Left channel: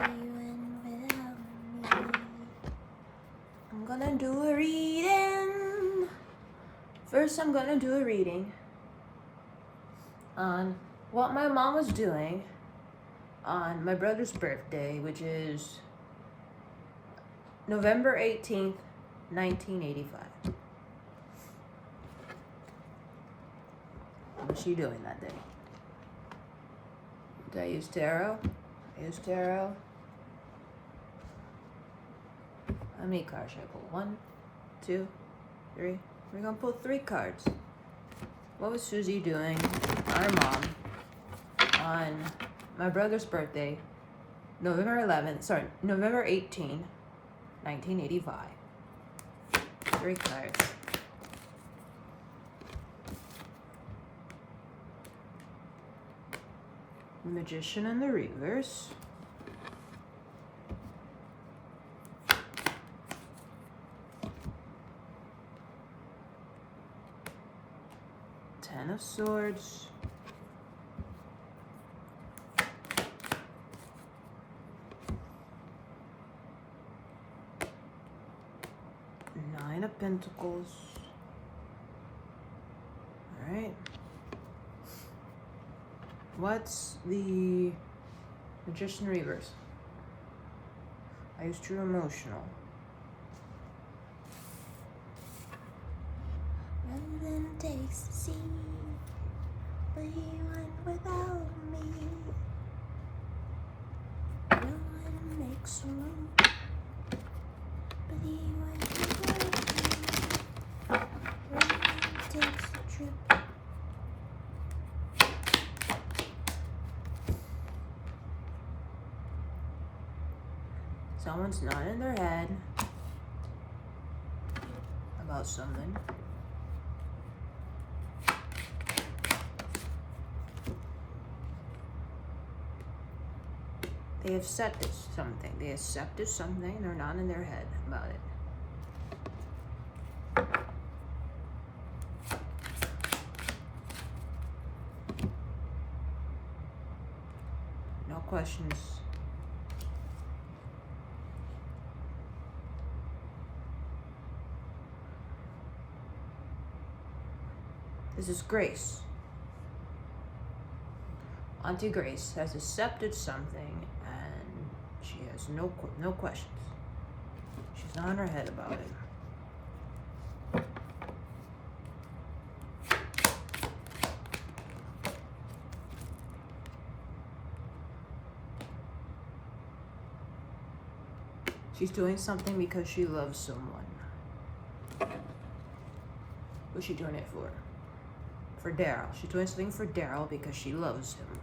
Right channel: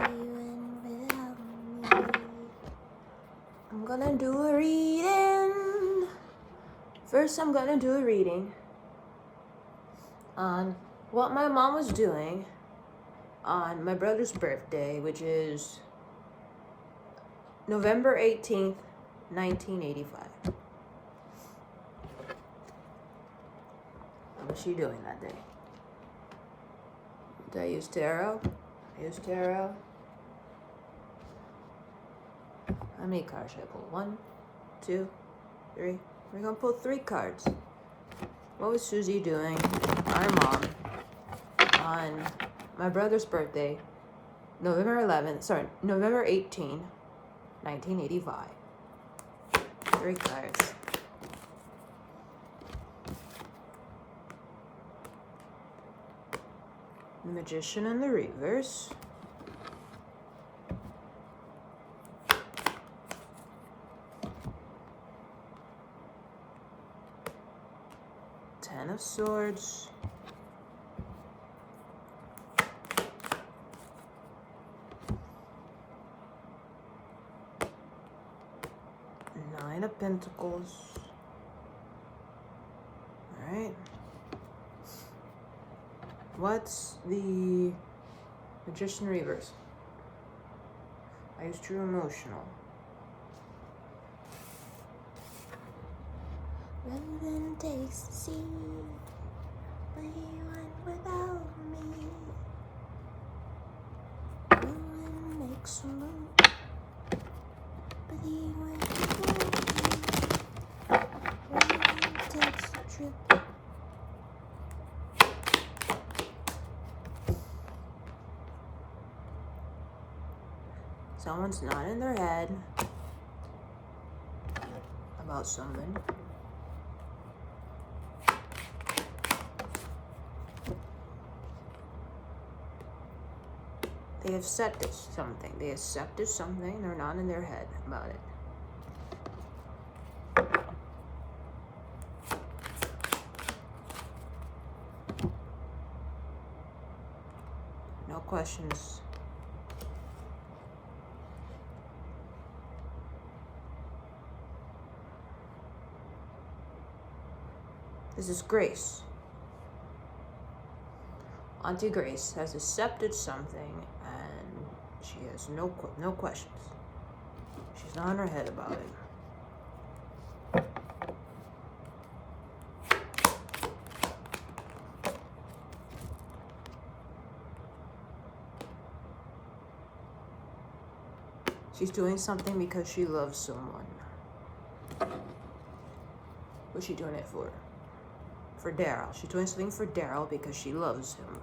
went without me. I'm gonna do a reading. First, I'm gonna do a reading on what my mom was doing on my brother's birthday, which is November 18th, 1985. What was she doing that day? Did I use tarot? I used tarot. How many cards should I pull? 1, 2, 3. We're gonna pull 3 cards. What was Susie doing, our mom, on my brother's birthday, November 18, 1985. 3 cards. Magician in the reverse. Ten of Swords. Nine of Pentacles. All right. What's the Magician reverse? I used true emotional. Roland takes the sea, but he went without me. Roland makes a move, but he went without me. Roland takes a trip. Someone's nodding their head about something. They accepted something. They accepted something. They're not in their head about it. No questions. This is Grace. Auntie Grace has accepted something and she has no questions. She's not in her head about it. She's doing something because she loves someone. What's she doing it for? For Daryl. She's doing something for Daryl because she loves him.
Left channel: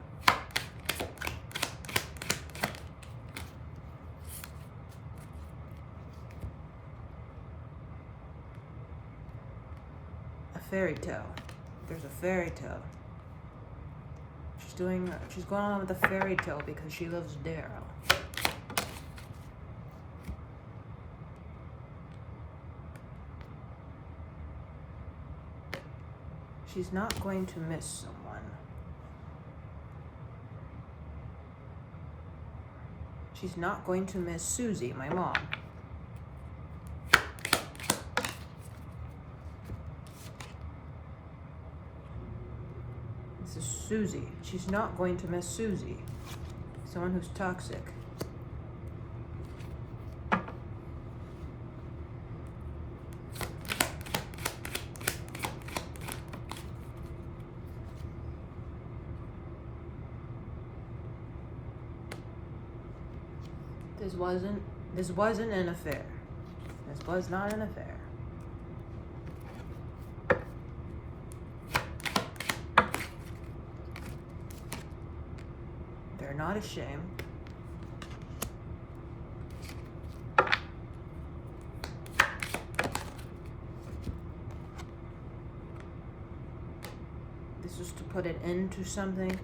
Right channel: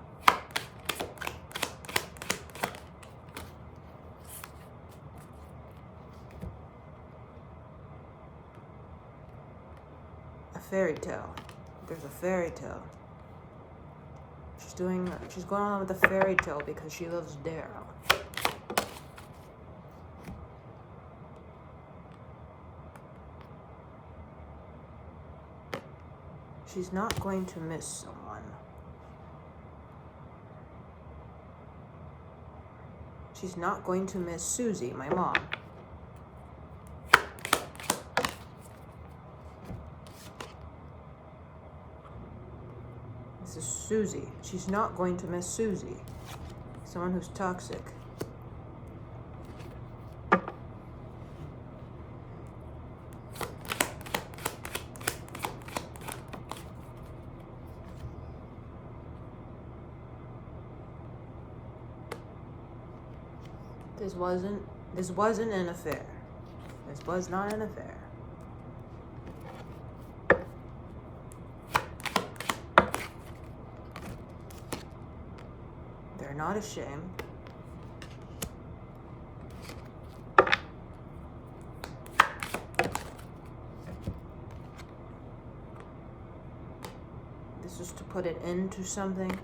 A fairy tale. There's a fairy tale. She's going on with the fairy tale because she loves Daryl. She's not going to miss someone. She's not going to miss Susie, my mom. This is Susie. She's not going to miss Susie. Someone who's toxic. This wasn't an affair. This was not an affair. They're not ashamed. This is to put an end to something.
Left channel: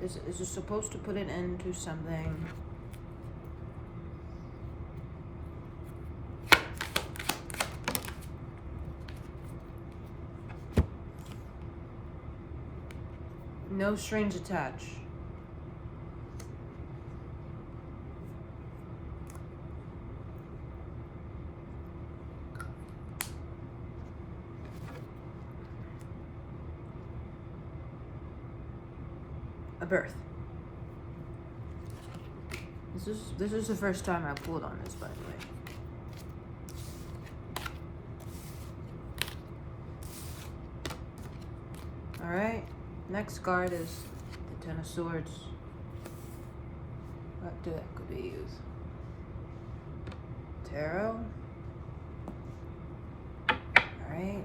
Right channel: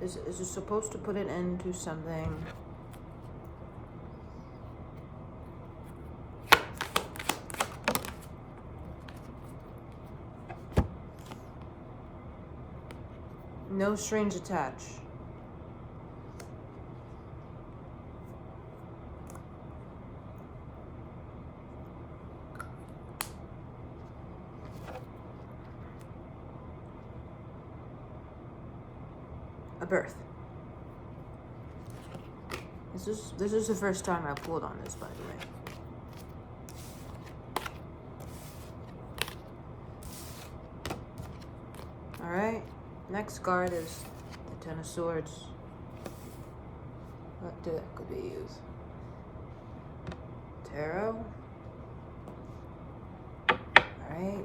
Is it supposed to put an end to something? No strings attached. a birth. This is the first time I pulled on this, by the way. All right, next card is the Ten of Swords. What deck could we use? Tarot. All right.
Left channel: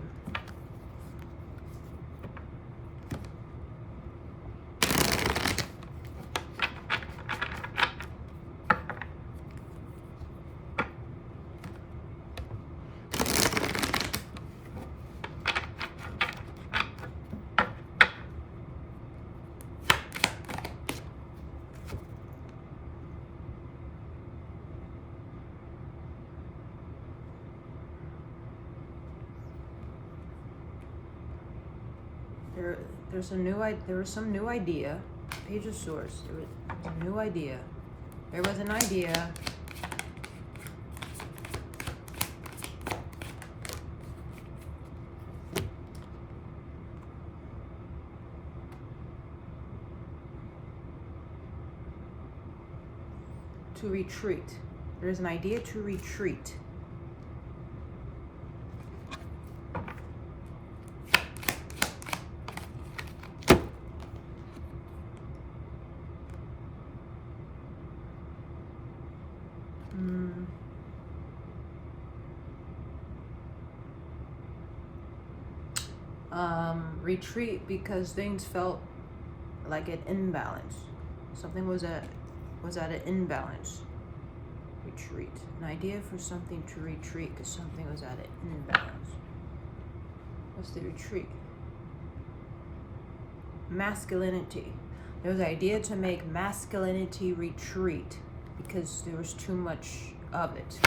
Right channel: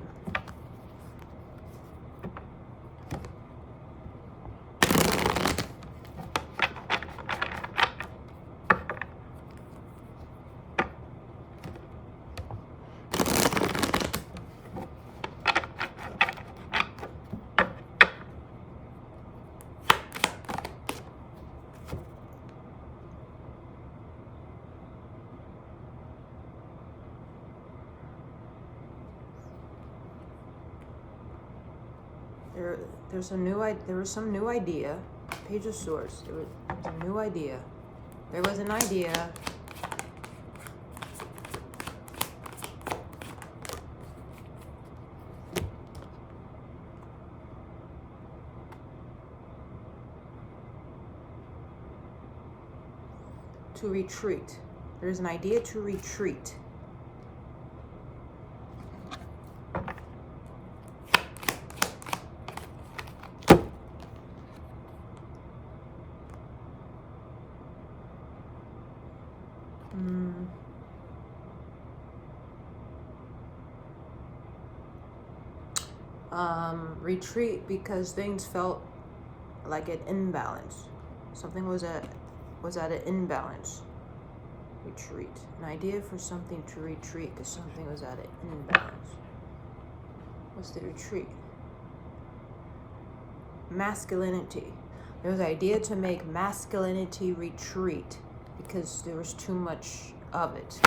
There was some new idea. Page of Swords. There was a new idea. There was an idea. To retreat. There's an idea to retreat. Retreat because things felt like an imbalance. Something was at an imbalance. Retreat. An idea for something to retreat because something was at an imbalance. What's the retreat? Masculinity. There was an idea to make masculinity retreat because there was too much of it.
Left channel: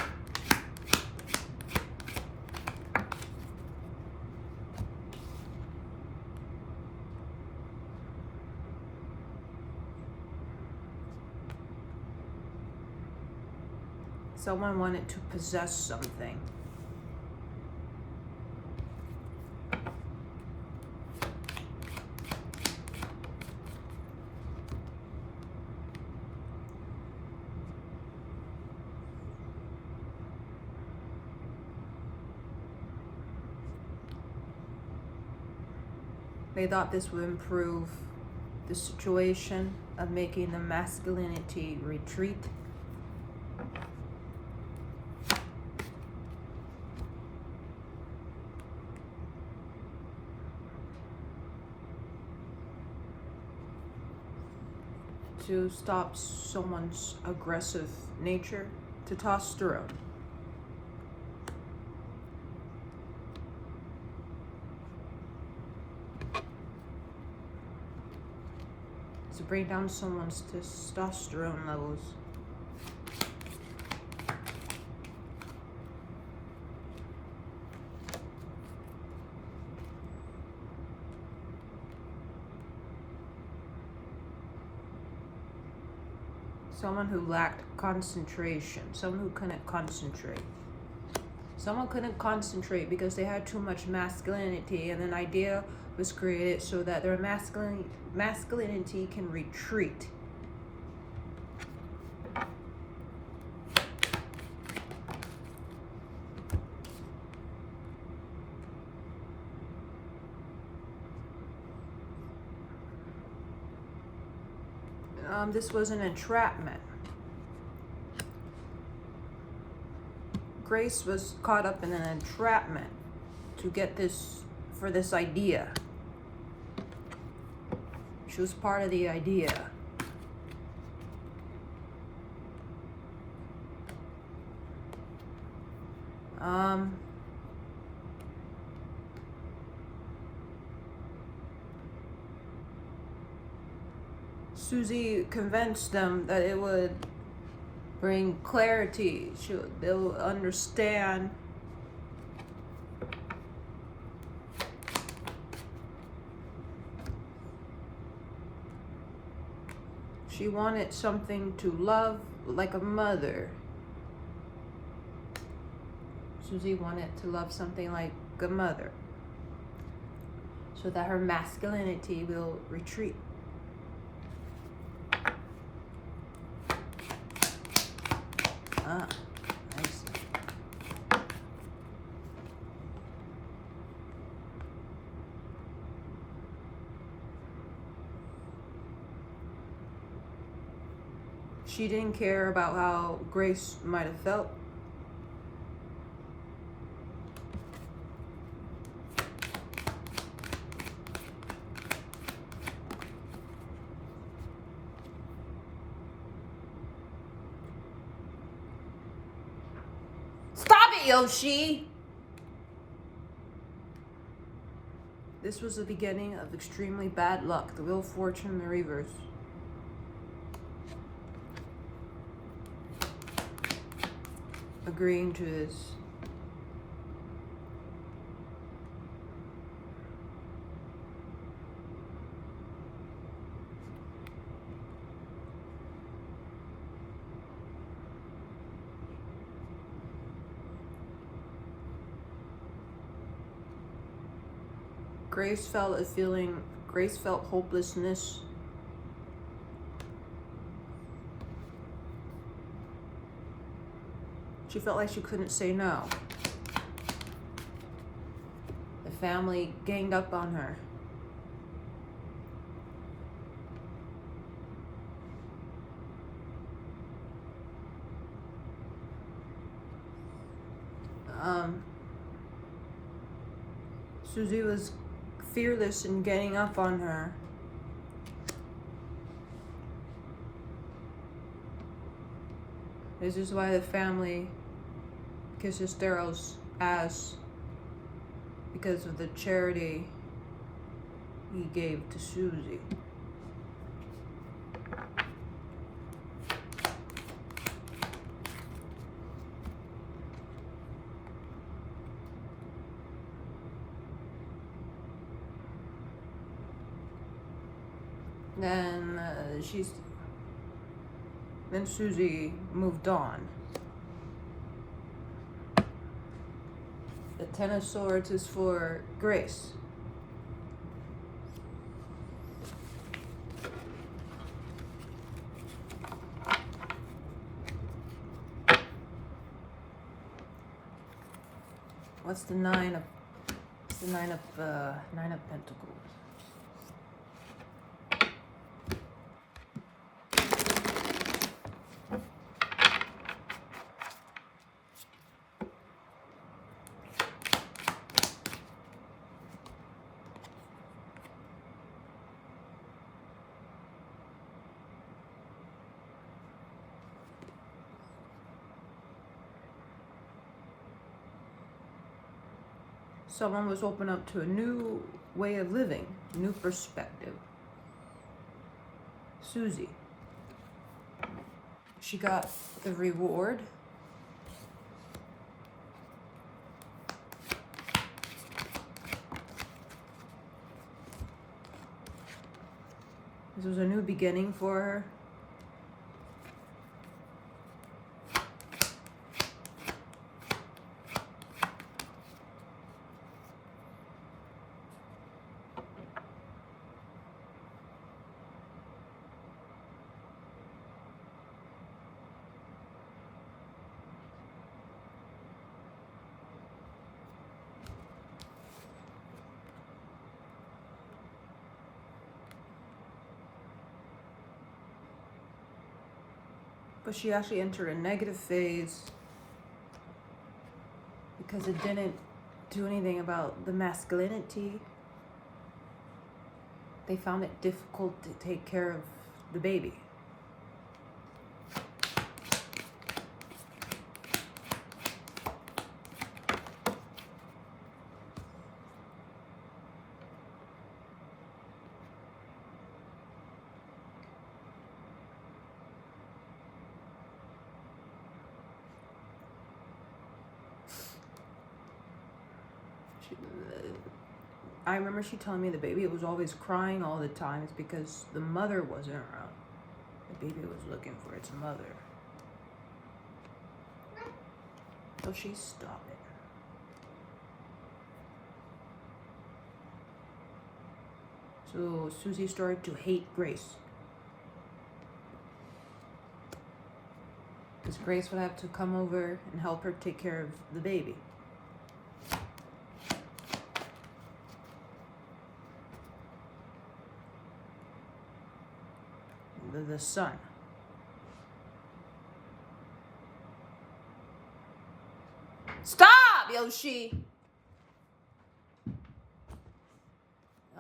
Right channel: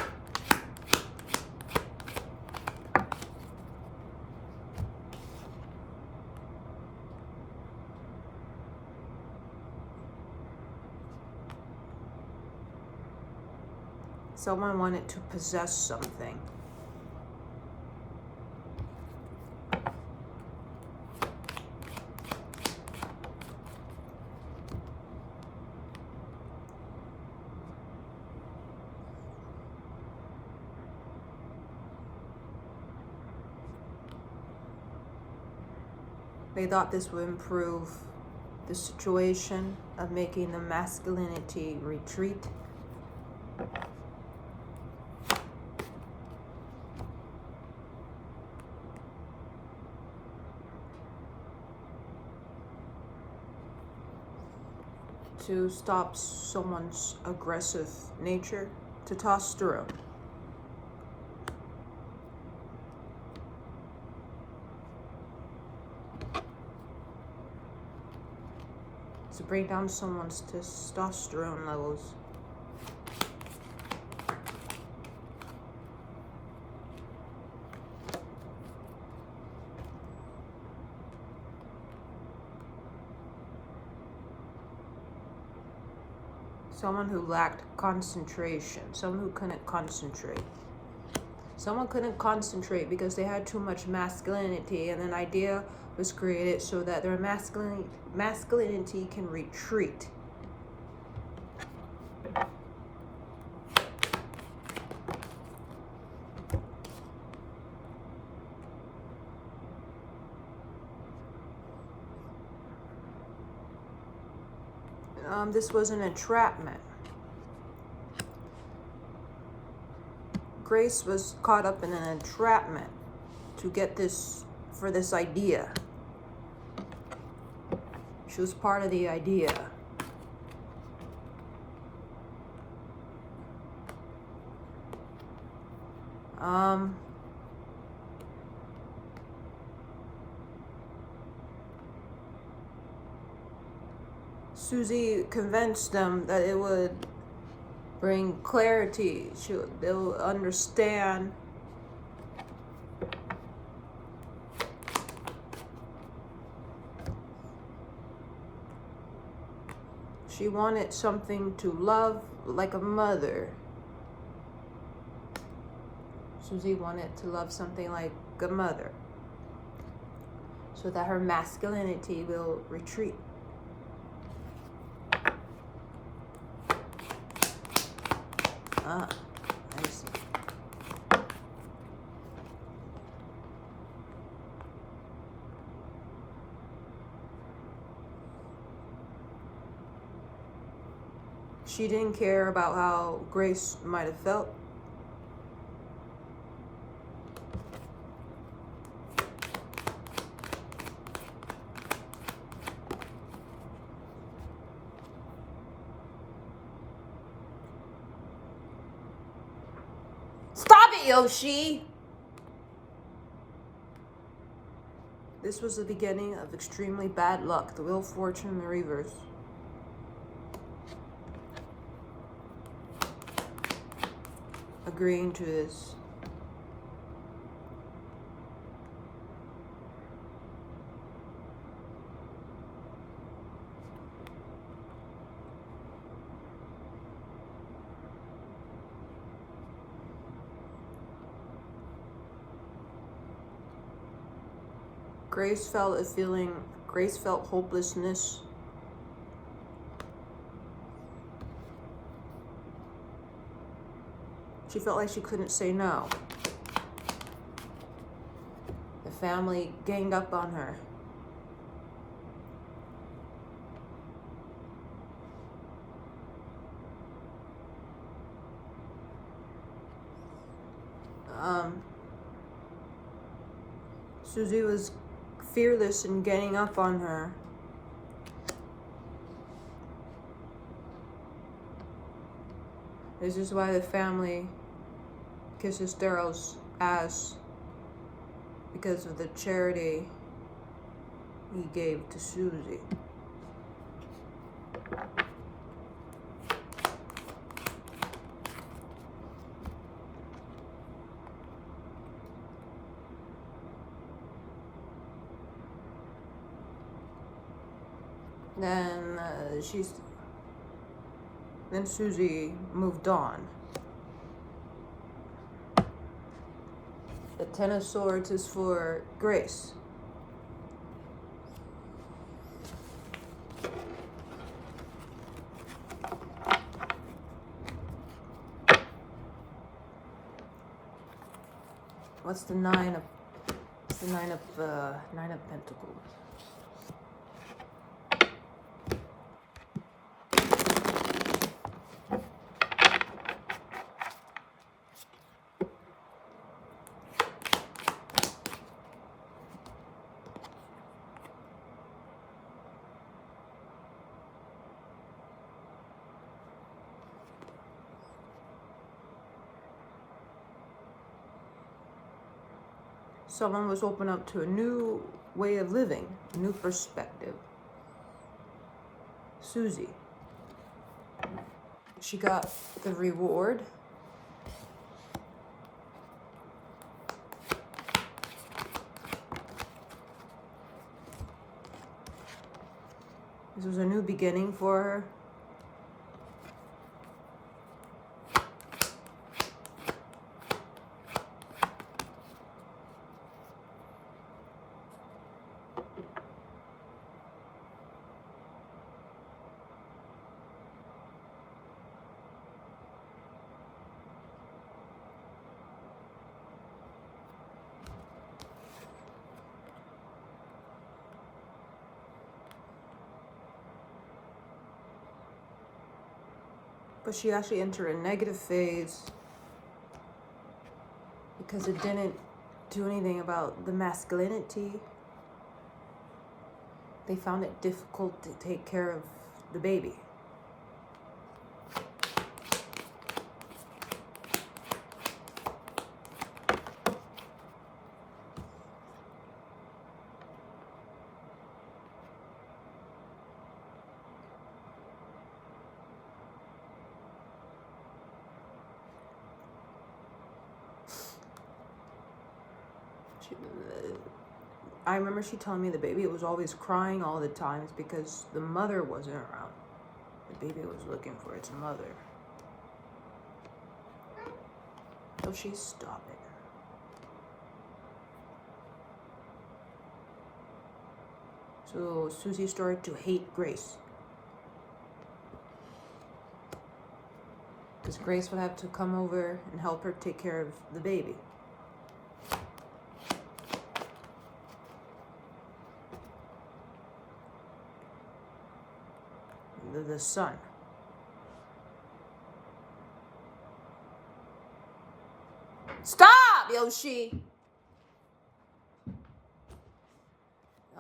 Someone wanted to possess something. They thought this would improve the situation of making the masculinity retreat. To stop someone's aggressive nature, testosterone. To bring down someone's testosterone levels. Someone who lacked concentration. Someone who couldn't concentrate. Someone couldn't concentrate because they had too much masculinity, and an idea was created so that their masculinity can retreat. This was an entrapment. Grace was caught up in an entrapment to get this, for this idea. She was part of the idea. Susie convinced them that it would bring clarity. They'll understand. She wanted something to love like a mother. Susie wanted to love something like a mother, so that her masculinity will retreat. Ah, I see. She didn't care about how Grace might have felt. Stop it, Yoshi! This was the beginning of extremely bad luck, the Wheel of Fortune in the reverse. Agreeing to this. Grace felt hopelessness. She felt like she couldn't say no. The family ganged up on her. Susie was fearless in getting up on her. This is why the family kisses Daryl's ass, because of the charity he gave to Susie. Then Susie moved on. The Ten of Swords is for Grace. What's the Nine of Pentacles? Someone was open up to a new way of living, a new perspective. Susie. She got the reward. This was a new beginning for her. But she actually entered a negative phase because it didn't do anything about the masculinity. They found it difficult to take care of the baby. I remember she telling me the baby was always crying all the time. It's because the mother wasn't around. The baby was looking for its mother. So she stopped it. So Susie started to hate Grace. because Grace would have to come over and help her take care of the baby. The son. Stop, Yoshi!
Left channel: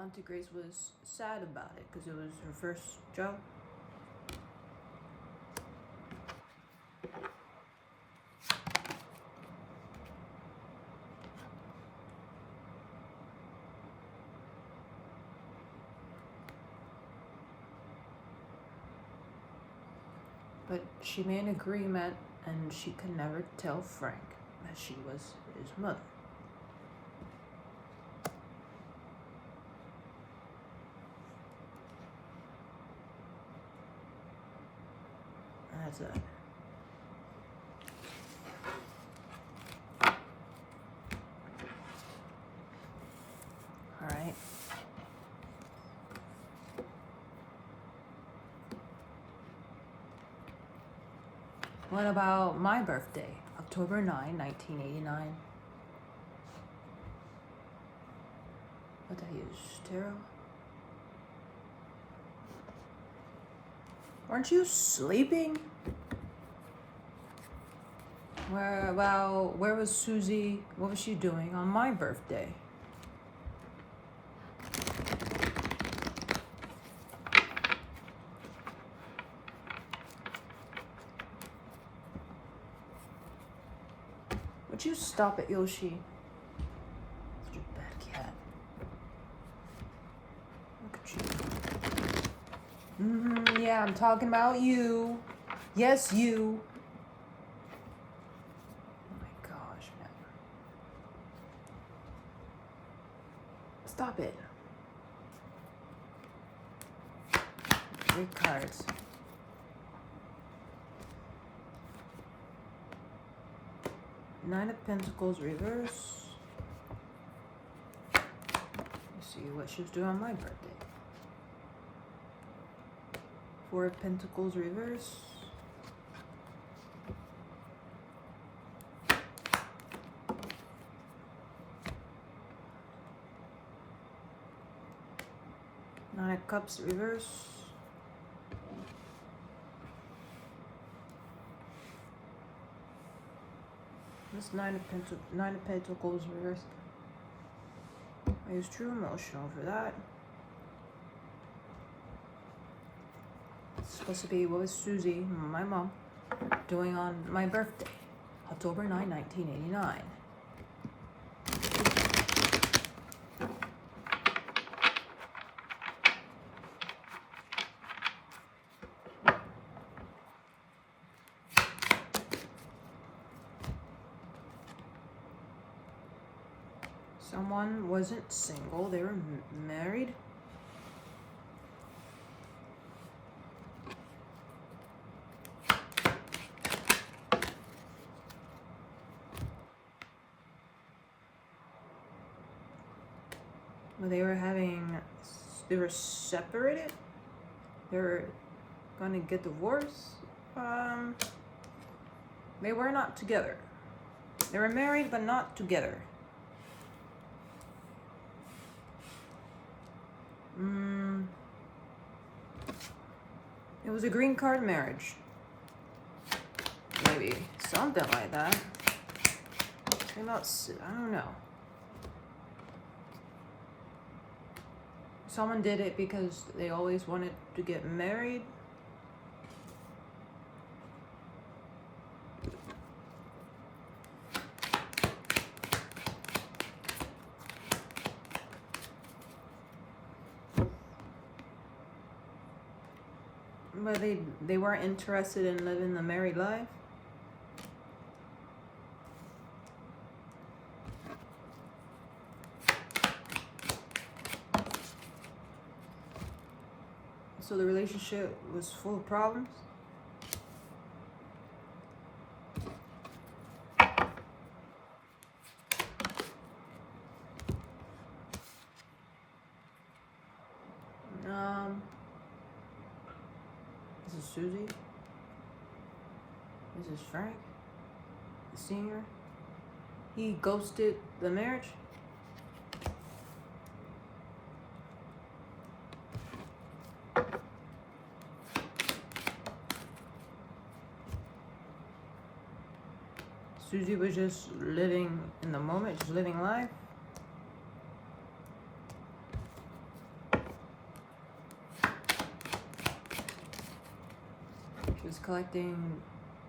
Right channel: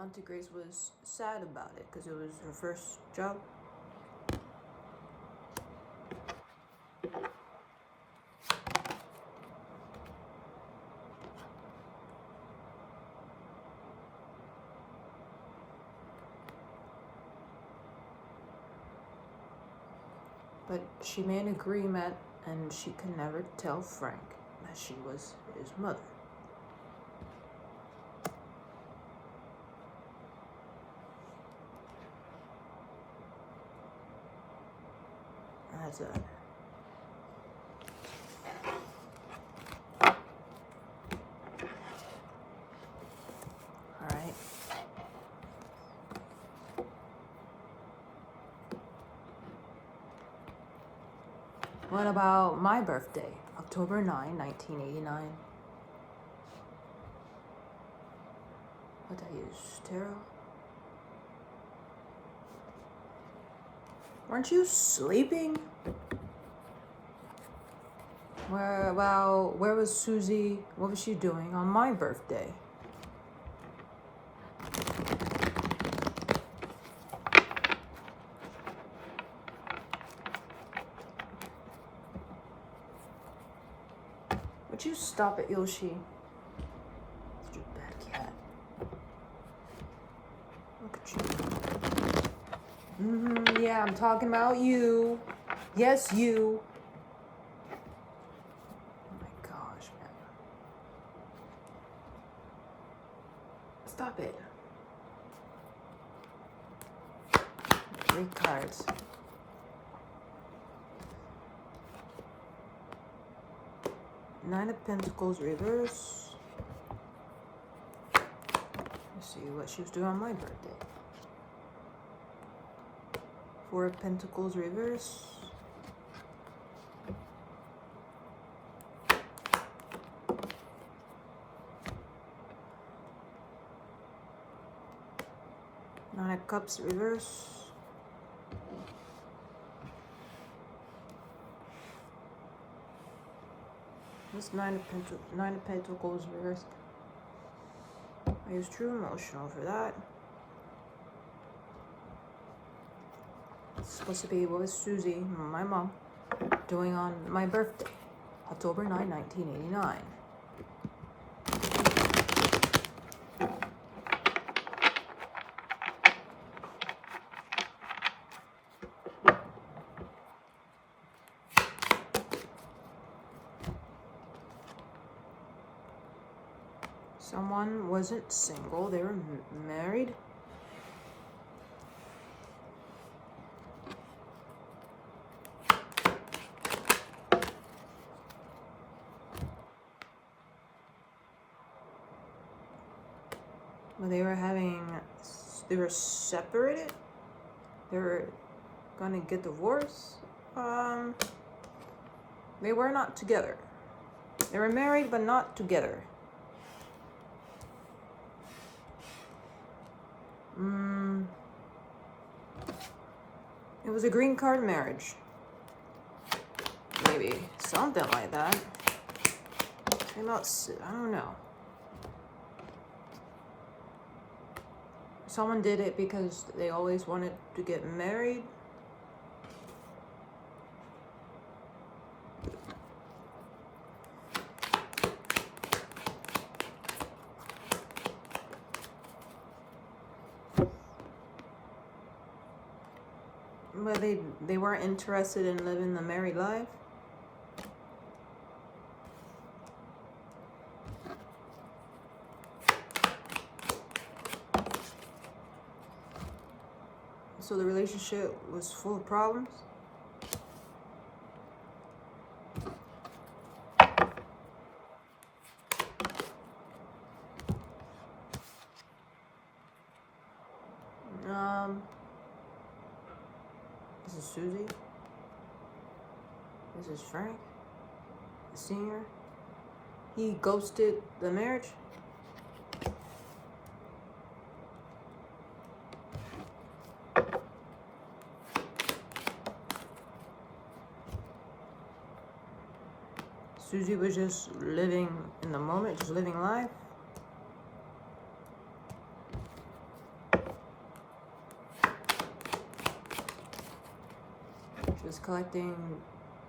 Auntie Grace was sad about it because it was her first job. But she made an agreement, and she could never tell Frank that she was his mother. And that's it. All right. What about my birthday, October 9, 1989? What did I use? Tarot? Weren't you sleeping? Where was Susie? What was she doing on my birthday? Would you stop it, Yoshi? Such a bad cat. Look at you. Yeah, I'm talking about you. Yes, you. Oh my gosh, man. Stop it. 3 cards. Nine of Pentacles reverse. Let's see what she was doing on my birthday. 4 of Pentacles reverse. Nine of Cups reverse. This Nine of Pentacles reverse. I use True Emotional for that. It's supposed to be what was Susie, my mom, doing on my birthday, October 9, 1989. Someone wasn't single, they were married. But they were separated. They were gonna get divorced. They were not together. They were married, but not together. It was a green card marriage. Maybe something like that. Came out, I don't know. Someone did it because they always wanted to get married. But they weren't interested in living the married life. So the relationship was full of problems. This is Susie. This is Frank, the senior. He ghosted the marriage. Susie was just living in the moment, just living life. She was collecting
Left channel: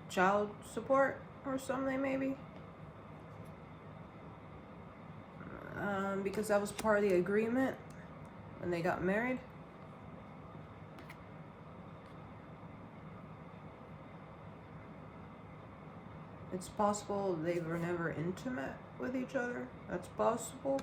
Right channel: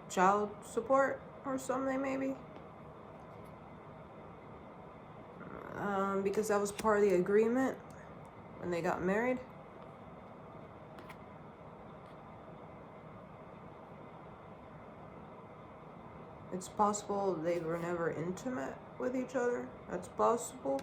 child support or something, maybe. Because that was part of the agreement when they got married. It's possible they were never intimate with each other. That's possible.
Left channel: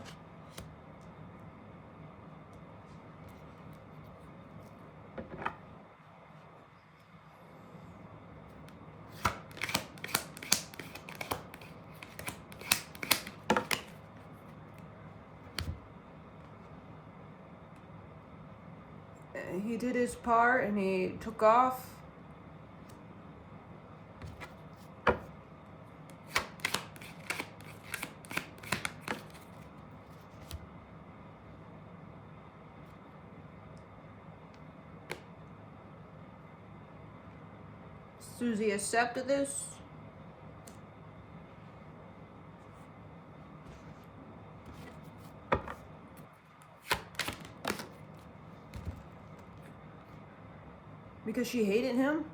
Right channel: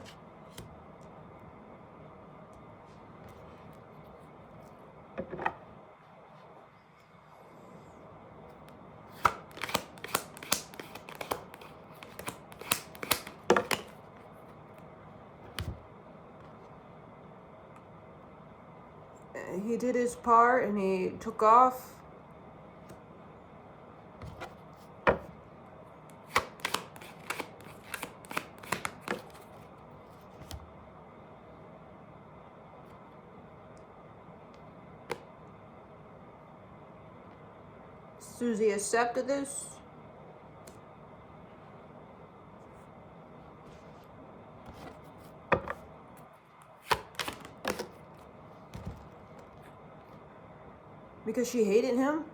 He did his part and he took off. Susie accepted this. Because she hated him.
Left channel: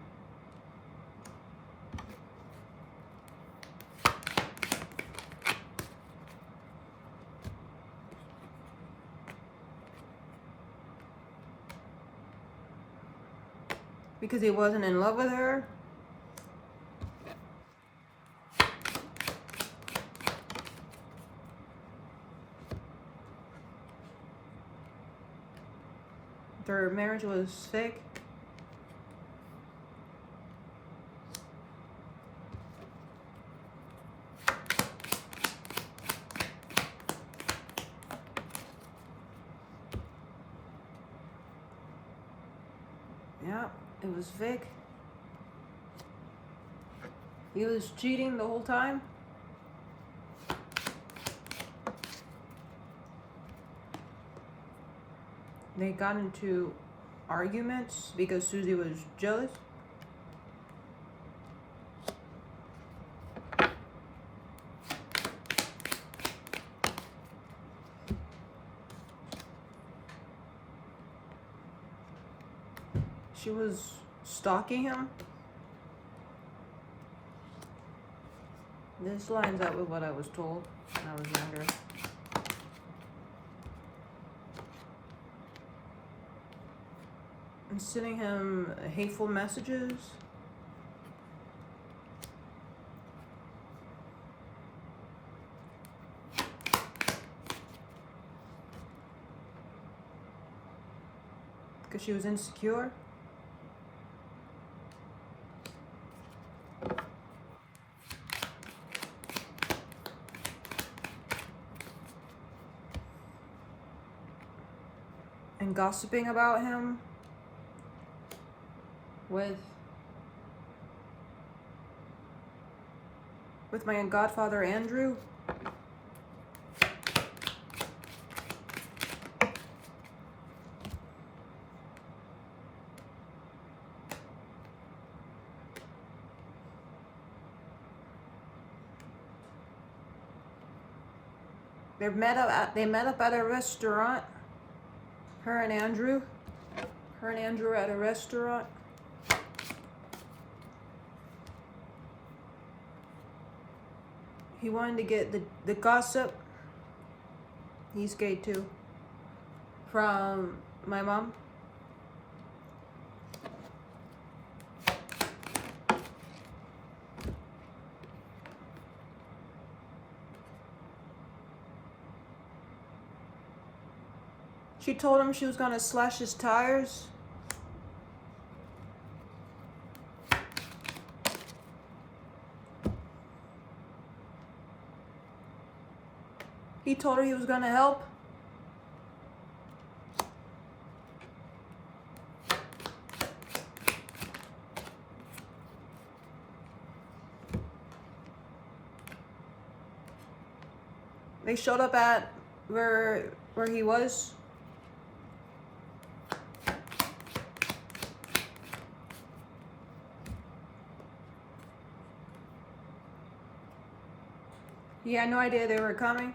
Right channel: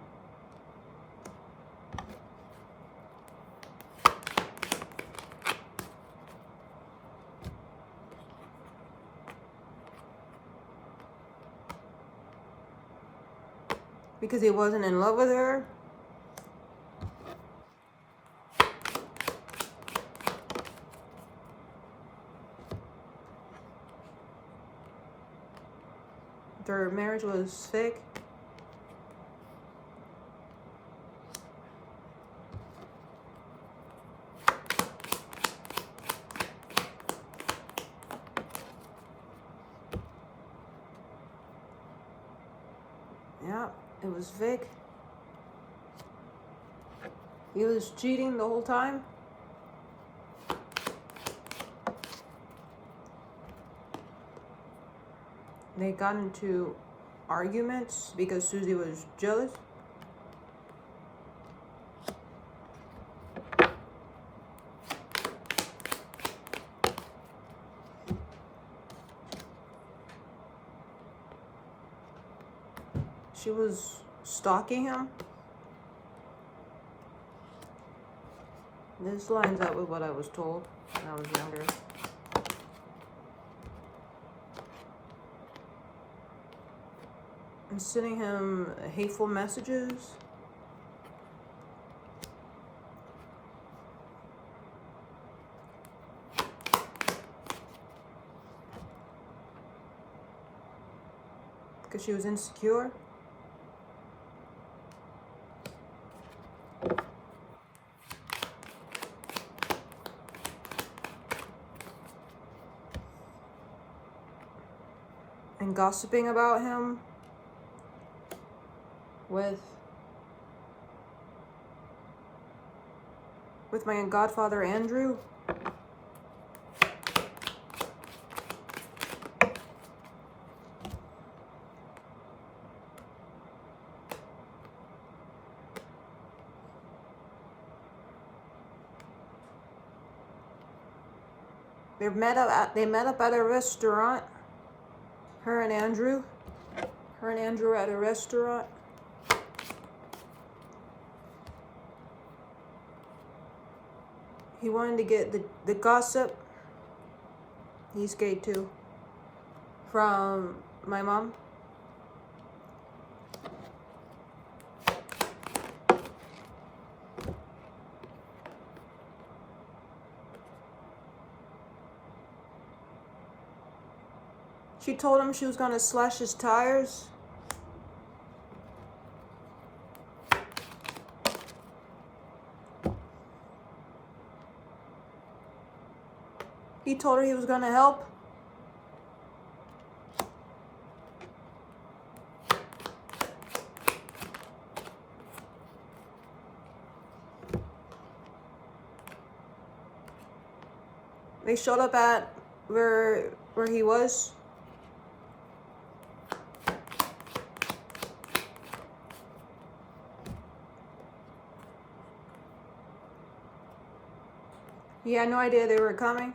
Because he wasn't in love with her. Their marriage was fake. Yeah, it was fake. He was cheating the whole time. They got into arguments because Susie was jealous. She was stalking him. This lines up with what I was told when I was younger. And sending him hateful messages. Because she was insecure. And gossiping about him with my godfather Andrew. They met up at a restaurant. Her and Andrew at a restaurant. He wanted to get the gossip. He's gay too. From my mom. She told him she was gonna slash his tires. He told her he was gonna help. They showed up at where he was. He had no idea they were coming.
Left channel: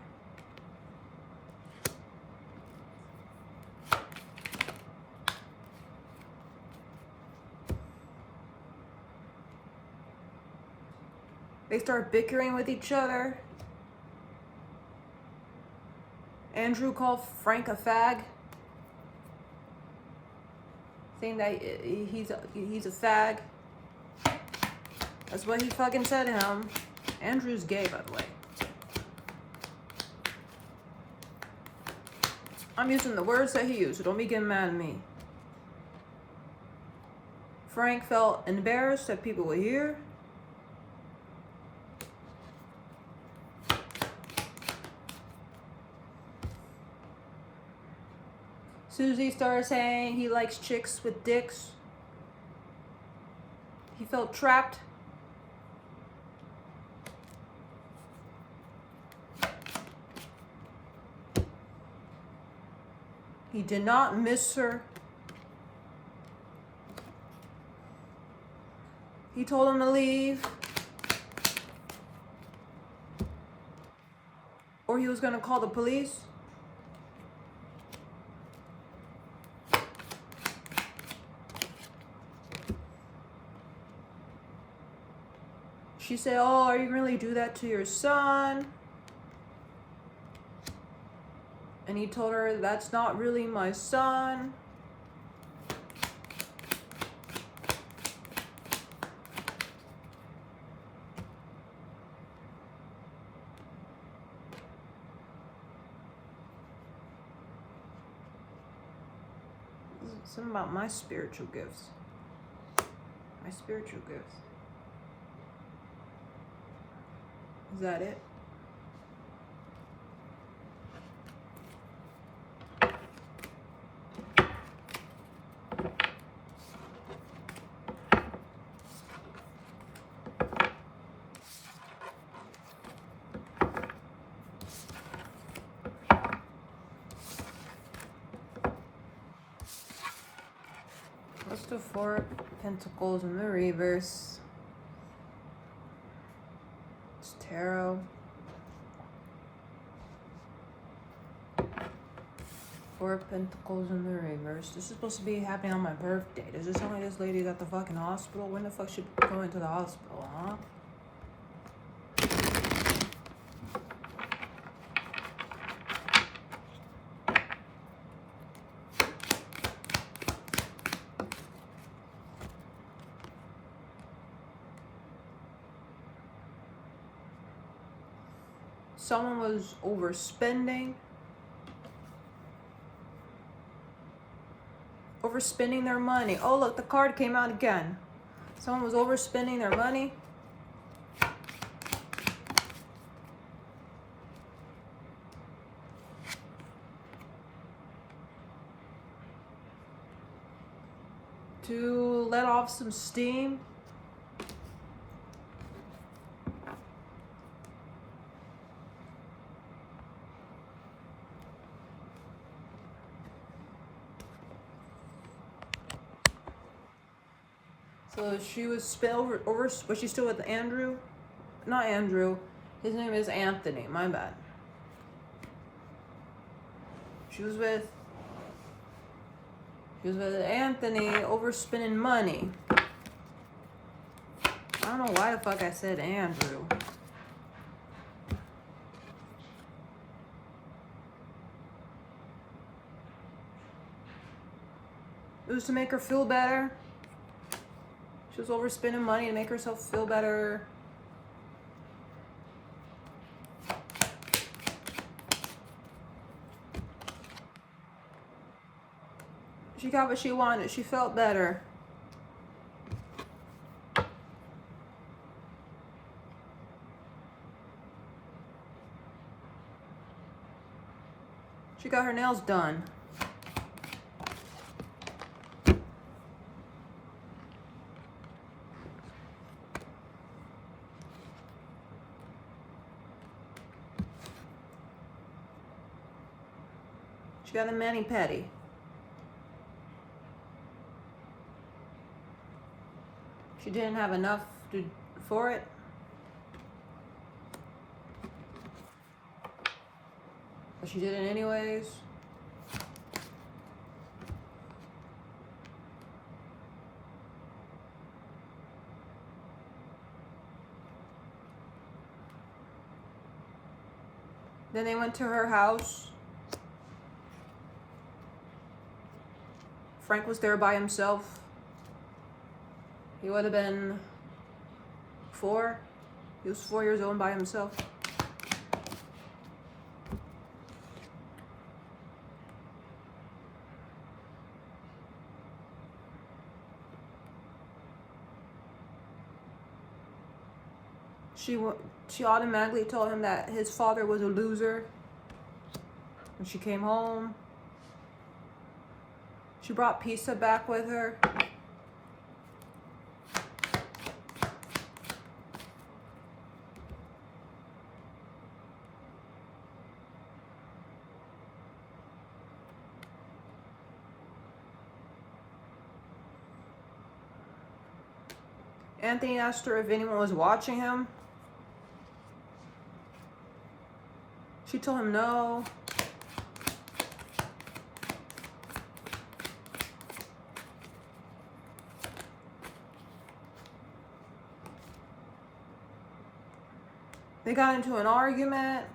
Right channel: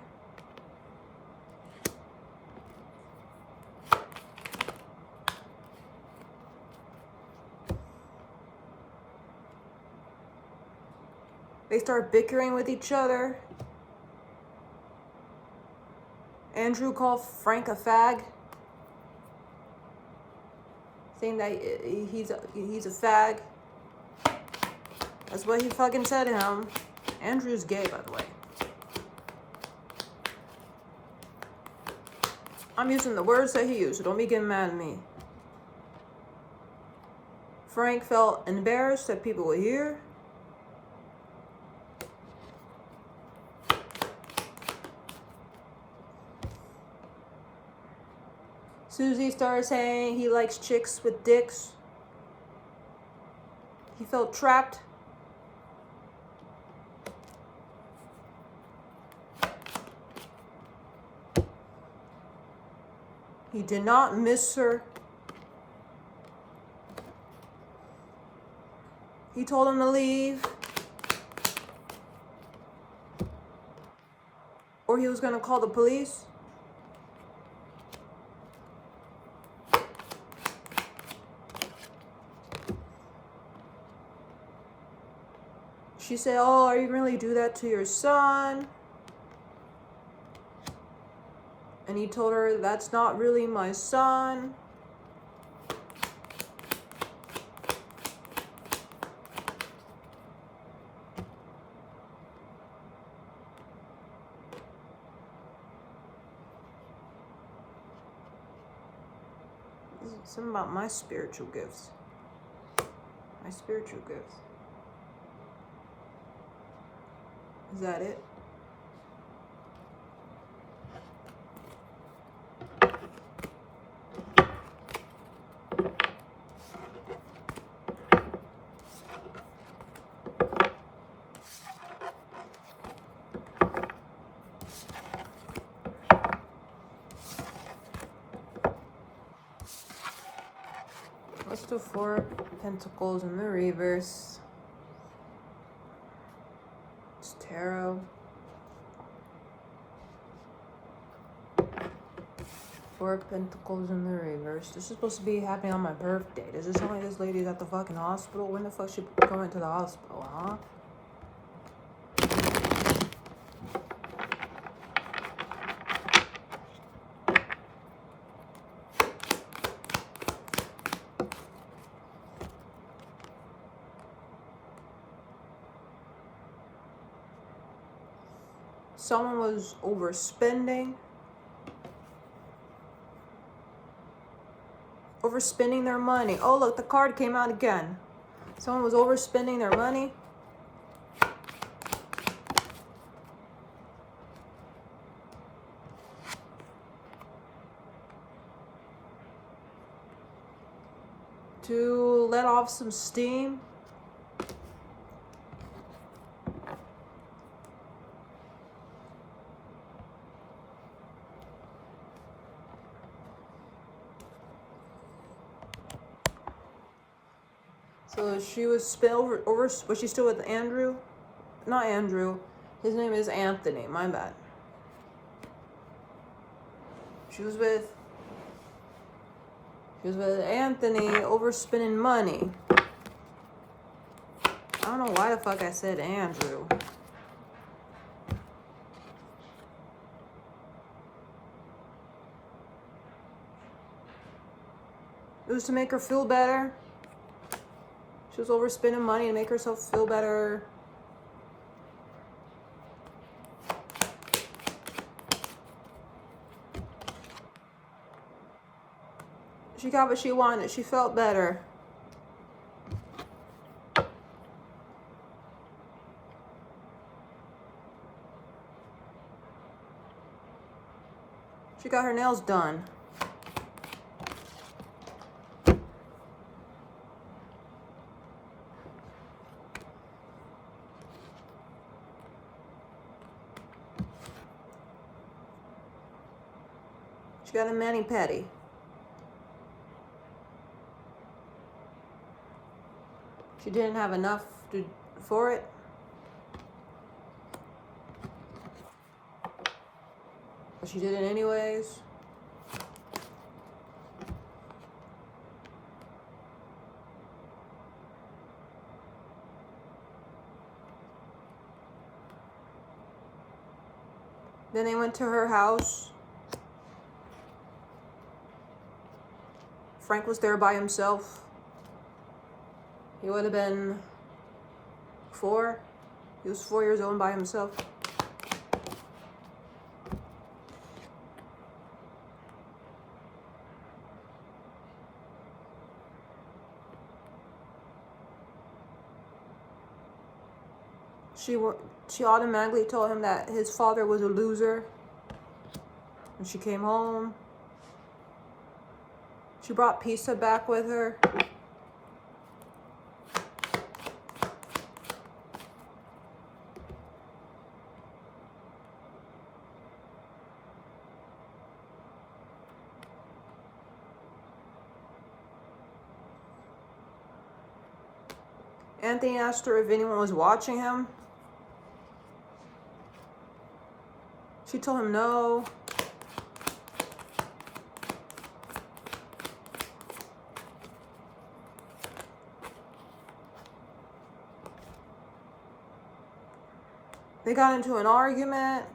They start bickering with each other. Andrew called Frank a fag, saying that he's a fag. That's what he fucking said to him. Andrew's gay, by the way. I'm using the words that he used, so don't be getting mad at me. Frank felt embarrassed that people would hear. Susie started saying he likes chicks with dicks. He felt trapped. He did not miss her. He told him to leave, or he was going to call the police. She said, "Oh, are you going to really do that to your son?" And he told her, "That's not really my son." This is something about my spiritual gifts. My spiritual gifts. Is that it? What's the Four of Pentacles in the reverse? It's tarot. Four of Pentacles in the reverse. This is supposed to be happening on my birthday. Does it sound like this lady's at the fucking hospital? When the fuck should she go into the hospital, huh? Someone was overspending. Overspending their money. Oh, look, the card came out again. Someone was overspending their money. To let off some steam. So she was over. Was she still with Andrew? Not Andrew. His name is Anthony. My bad. She was with Anthony, overspending money. I don't know why the fuck I said Andrew. It was to make her feel better. She was overspending money to make herself feel better. She got what she wanted. She felt better. She got her nails done. She got a mani-pedi. She didn't have enough for it. But she did it anyways. Then they went to her house. Frank was there by himself. He would have been 4. He was 4 years old by himself. She automatically told him that his father was a loser. When she came home, she brought pizza back with her. Anthony asked her if anyone was watching him. She told him no. They got into an argument.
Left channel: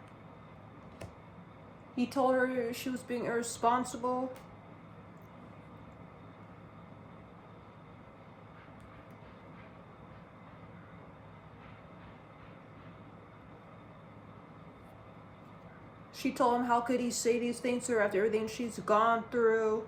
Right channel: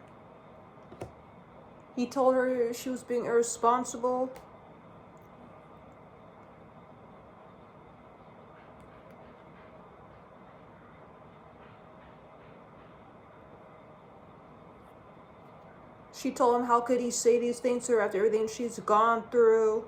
He told her she was being irresponsible. She told him how could he say these things to her after everything she's gone through.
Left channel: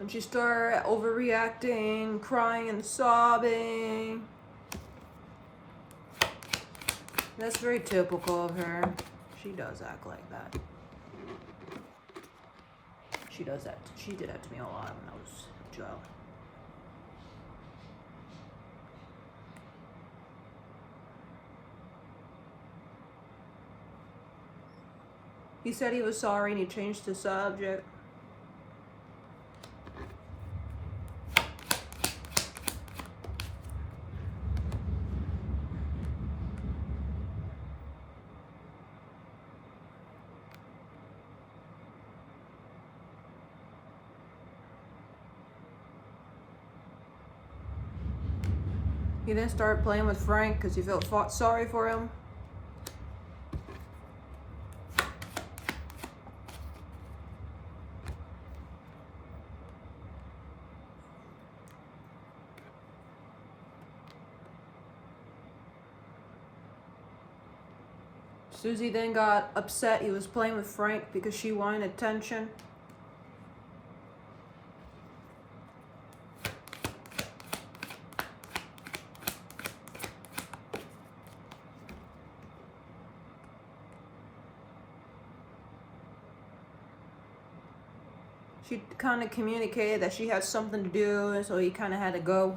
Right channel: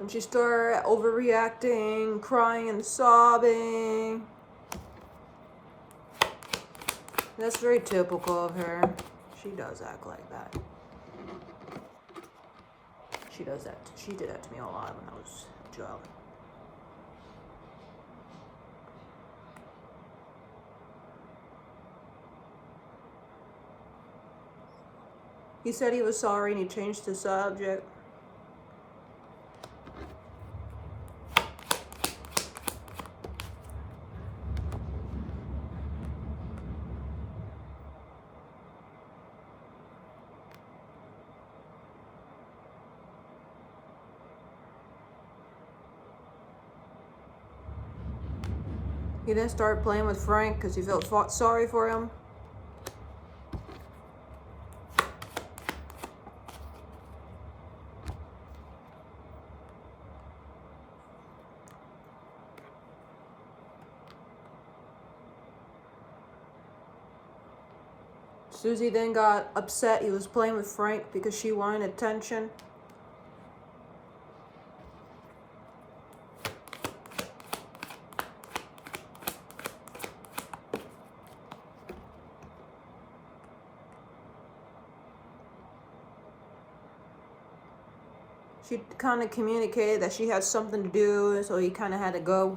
And she started overreacting, crying and sobbing. That's very typical of her. She does act like that. She does that. She did that to me a lot when I was a child. He said he was sorry and he changed the subject. He then started playing with Frank because he felt sorry for him. Susie then got upset he was playing with Frank because she wanted attention. She kind of communicated that she had something to do, and so he kind of had to go.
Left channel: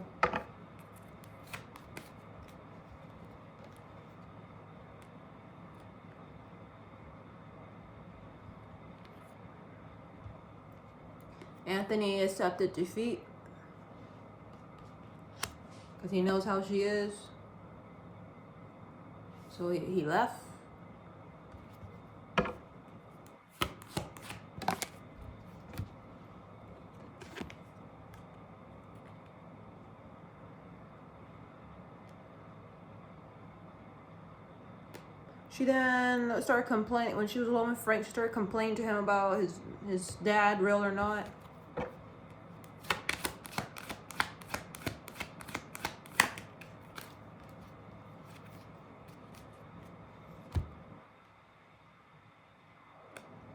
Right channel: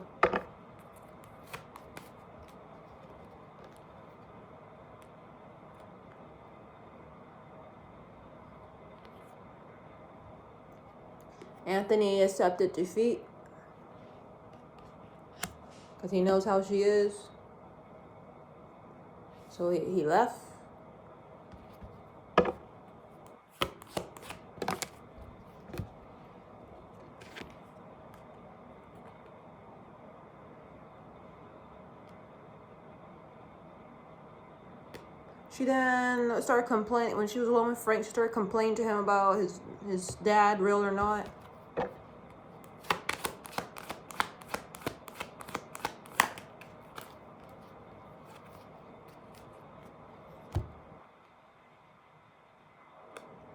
Anthony accepted defeat because he knows how she is. So he left. She then started complaining, when she was alone with Frank, she started complaining to him about his dad, real or not.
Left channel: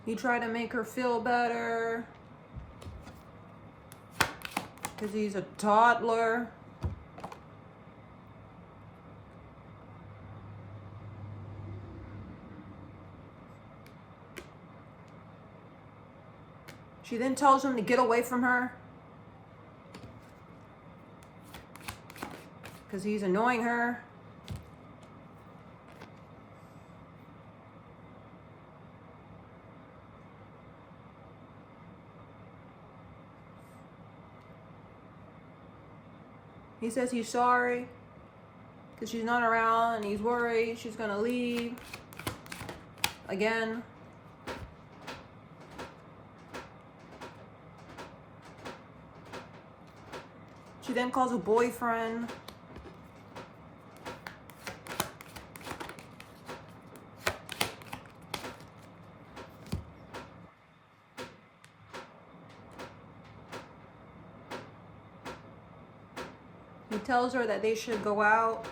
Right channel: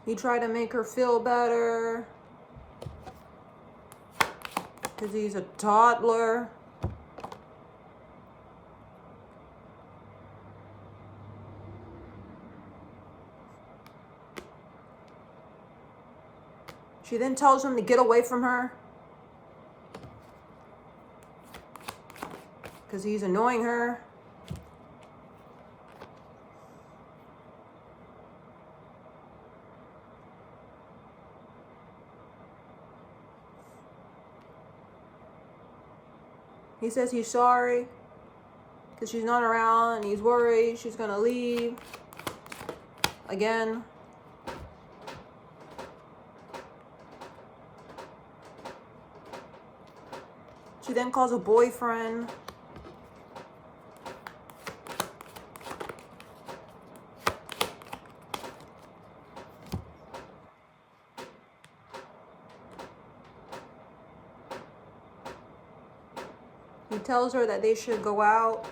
He tried to make her feel better because he's a toddler. She then tells him to get away from her because he's annoying her. He says he's sorry because she's not around and he's worried she's gonna leave again. She then calls a boyfriend. He tells her that they should go out.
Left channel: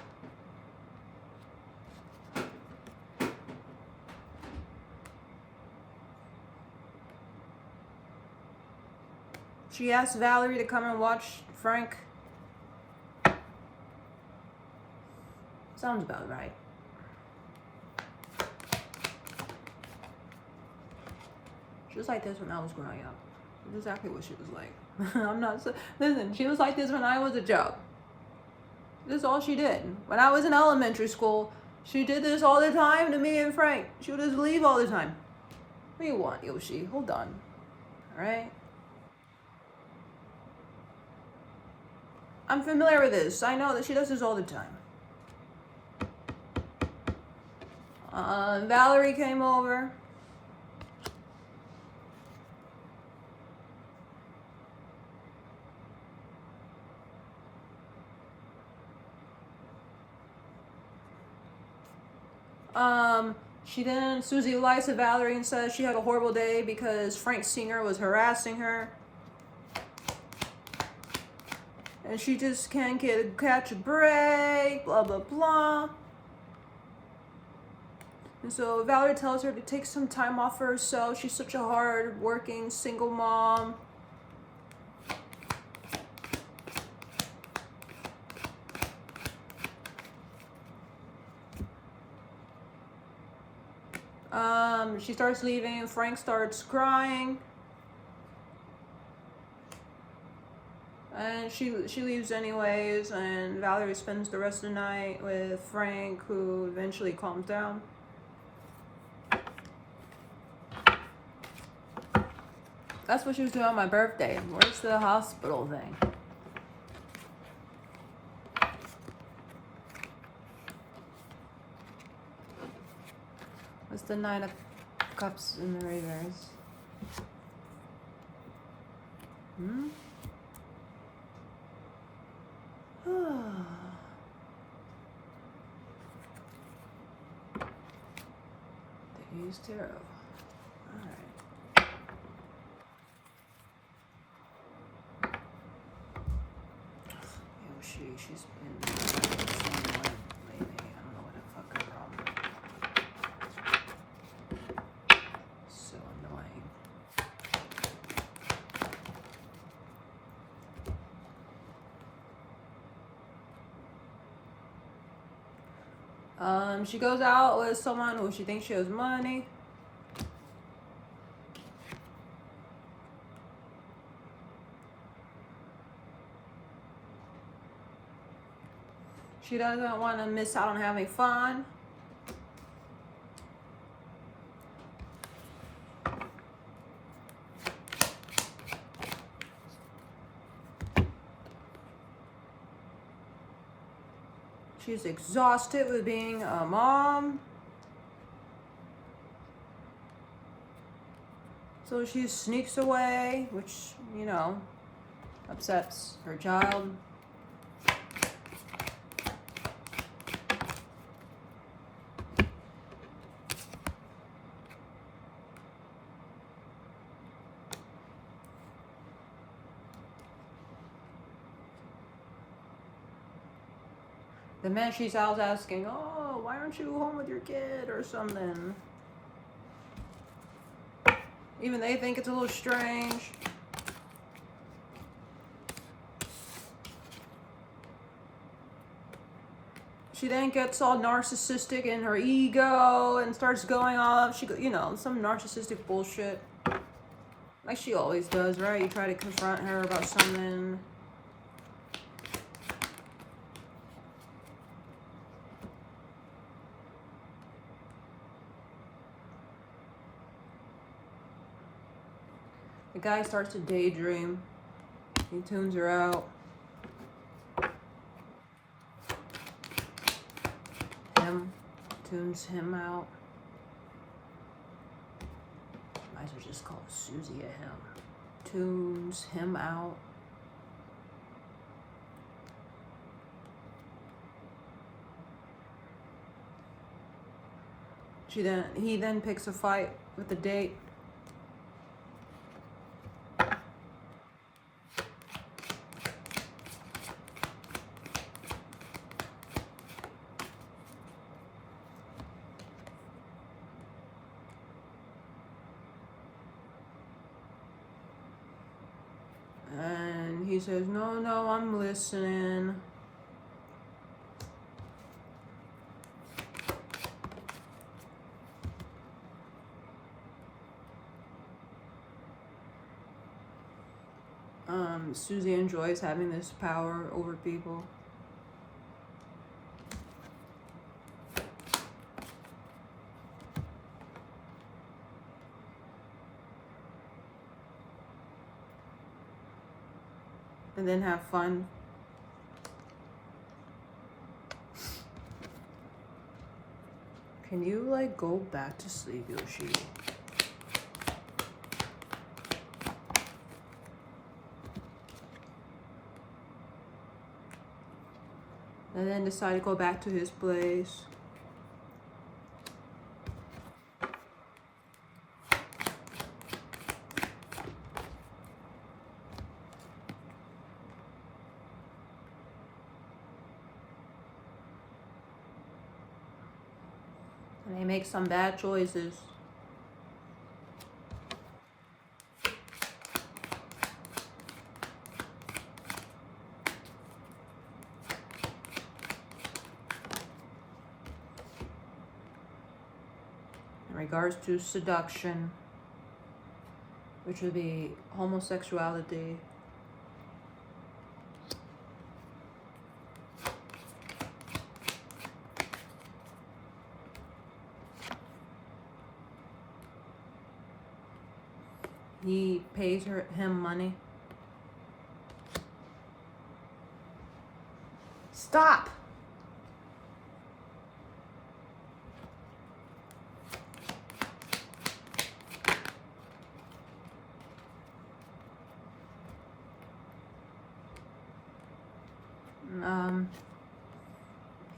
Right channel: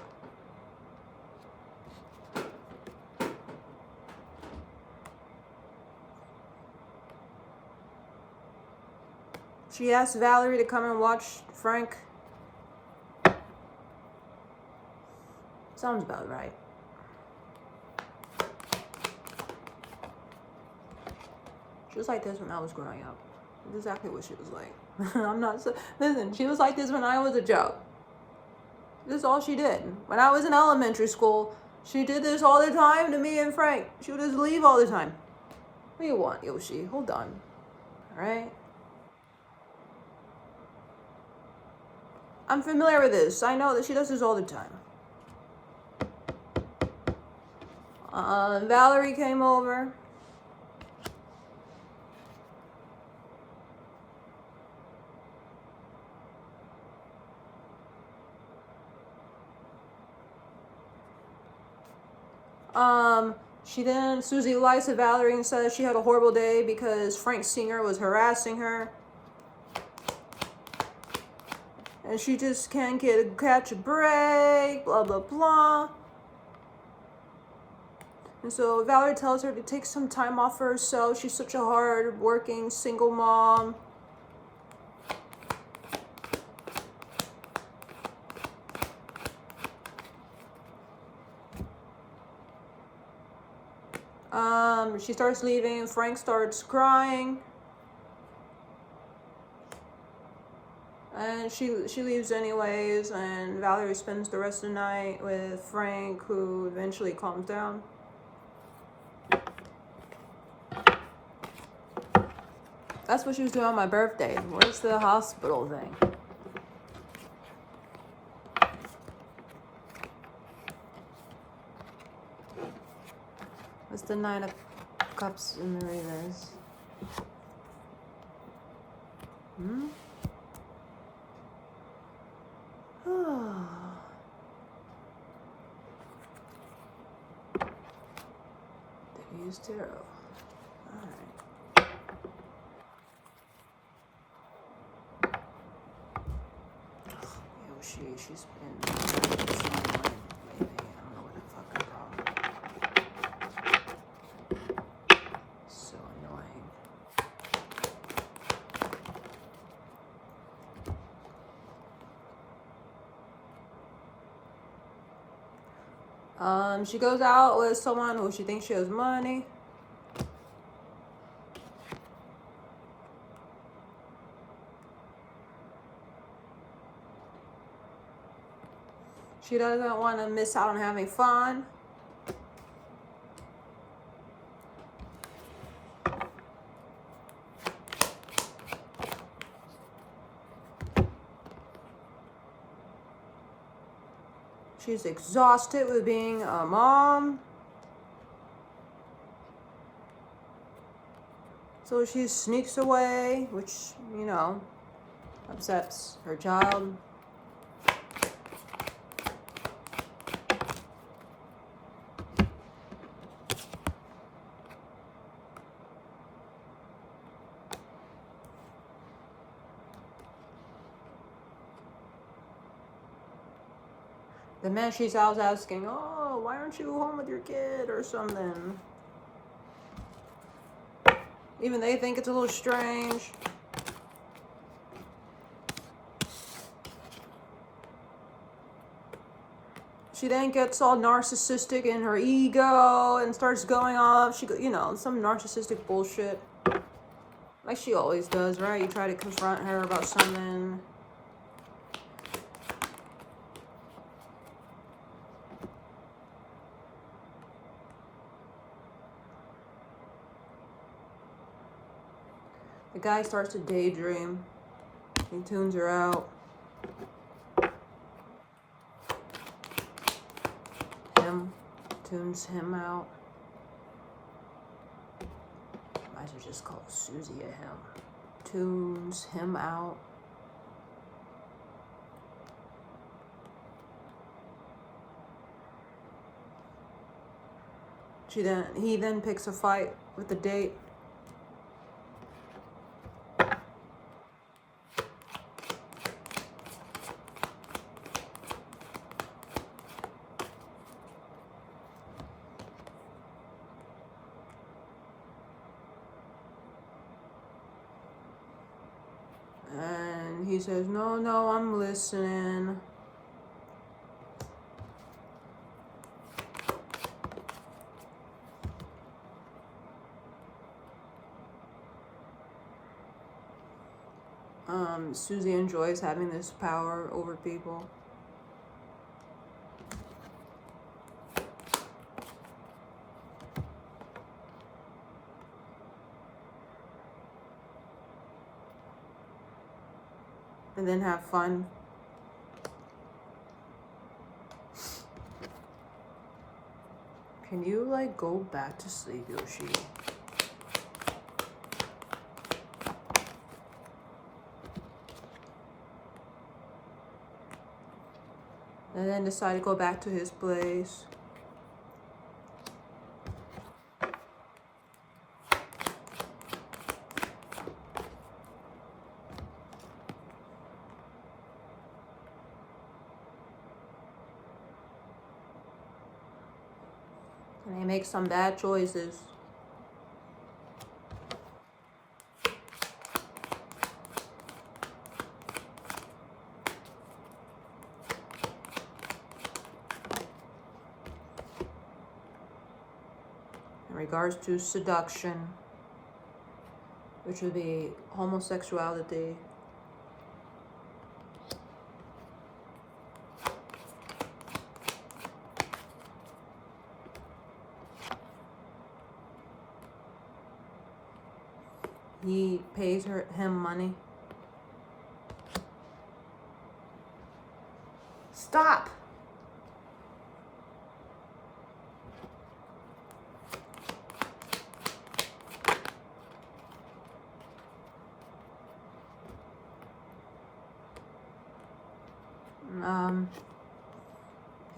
She asks Valerie to come and watch Frank. Sounds about right. She was like this when I was growing up. That's exactly what she was like. I'm not so, listen, she was like this when I was a joke. This is all she did. When I was in elementary school, she did this all the time to me and Frank. She would just leave all the time. What do you want, Yoshi? Hold on. All right? I'm familiar with this. I know that she does this all the time. Valerie came over. Susie lies to Valerie and says she had a horrible day because Frank Singer was harassing her. And she just can't catch a break, blah, blah, blah. And so Valerie tells her to take some time off for herself. She's such a hard-working single mom. She starts leaving. Frank starts crying. And she leaves anyways, and Valerie spends the rest of the night with Frank, who eventually calms down. That's what she was doing on my birthday. Where's the hospital thing? What's the Nine of Cups in the reverse? They use tarot. Alright. She's been flying lately. I don't know what the fuck her problem. So annoying. She goes out with someone who she thinks she has money. She doesn't want to miss out on having fun. She's exhausted with being a mom. So she sneaks away, which, you know, upsets her child. The man she's out asking, oh, why aren't you home with your kid or something? Even they think it's a little strange. She then gets all narcissistic in her ego and starts going off. You know, some narcissistic bullshit. Like she always does, right? You try to confront her about something. The guy starts to daydream. He tunes her out. Him tunes him out. Might as well just call Susie a him. Tunes him out. He then picks a fight with the date. And he says, no, I'm listening. Susie enjoys having this power over people. And then have fun. Can you, like, go back to sleep, Yoshi? And then decide to go back to his place. And they make some bad choices. In regards to seduction, which would be homosexuality. He pays him money. Stop!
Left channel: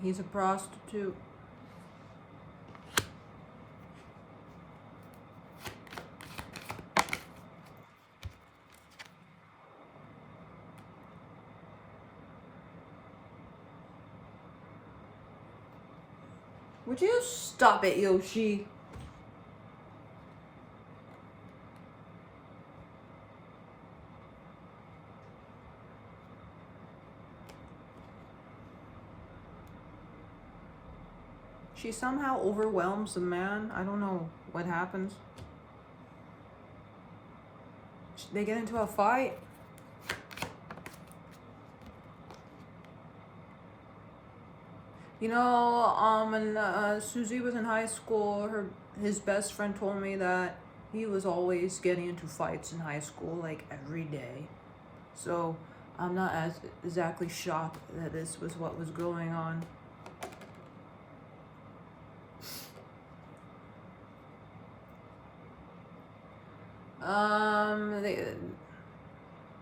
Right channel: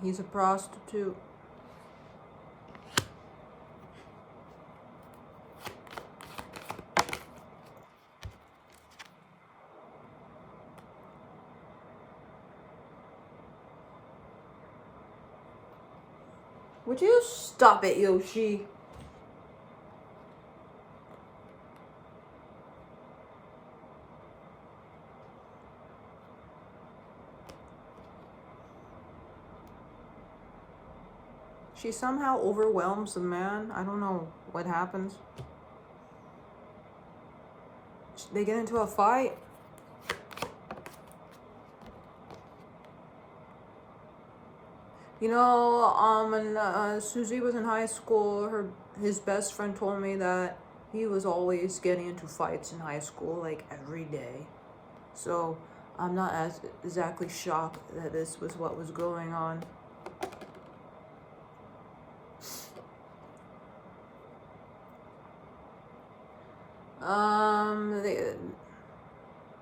He's a prostitute. Would you stop it, Yoshi? She somehow overwhelms the man. I don't know what happens. They get into a fight. You know, when Susie was in high school, his best friend told me that he was always getting into fights in high school, like every day. So I'm not exactly shocked that this was what was going on.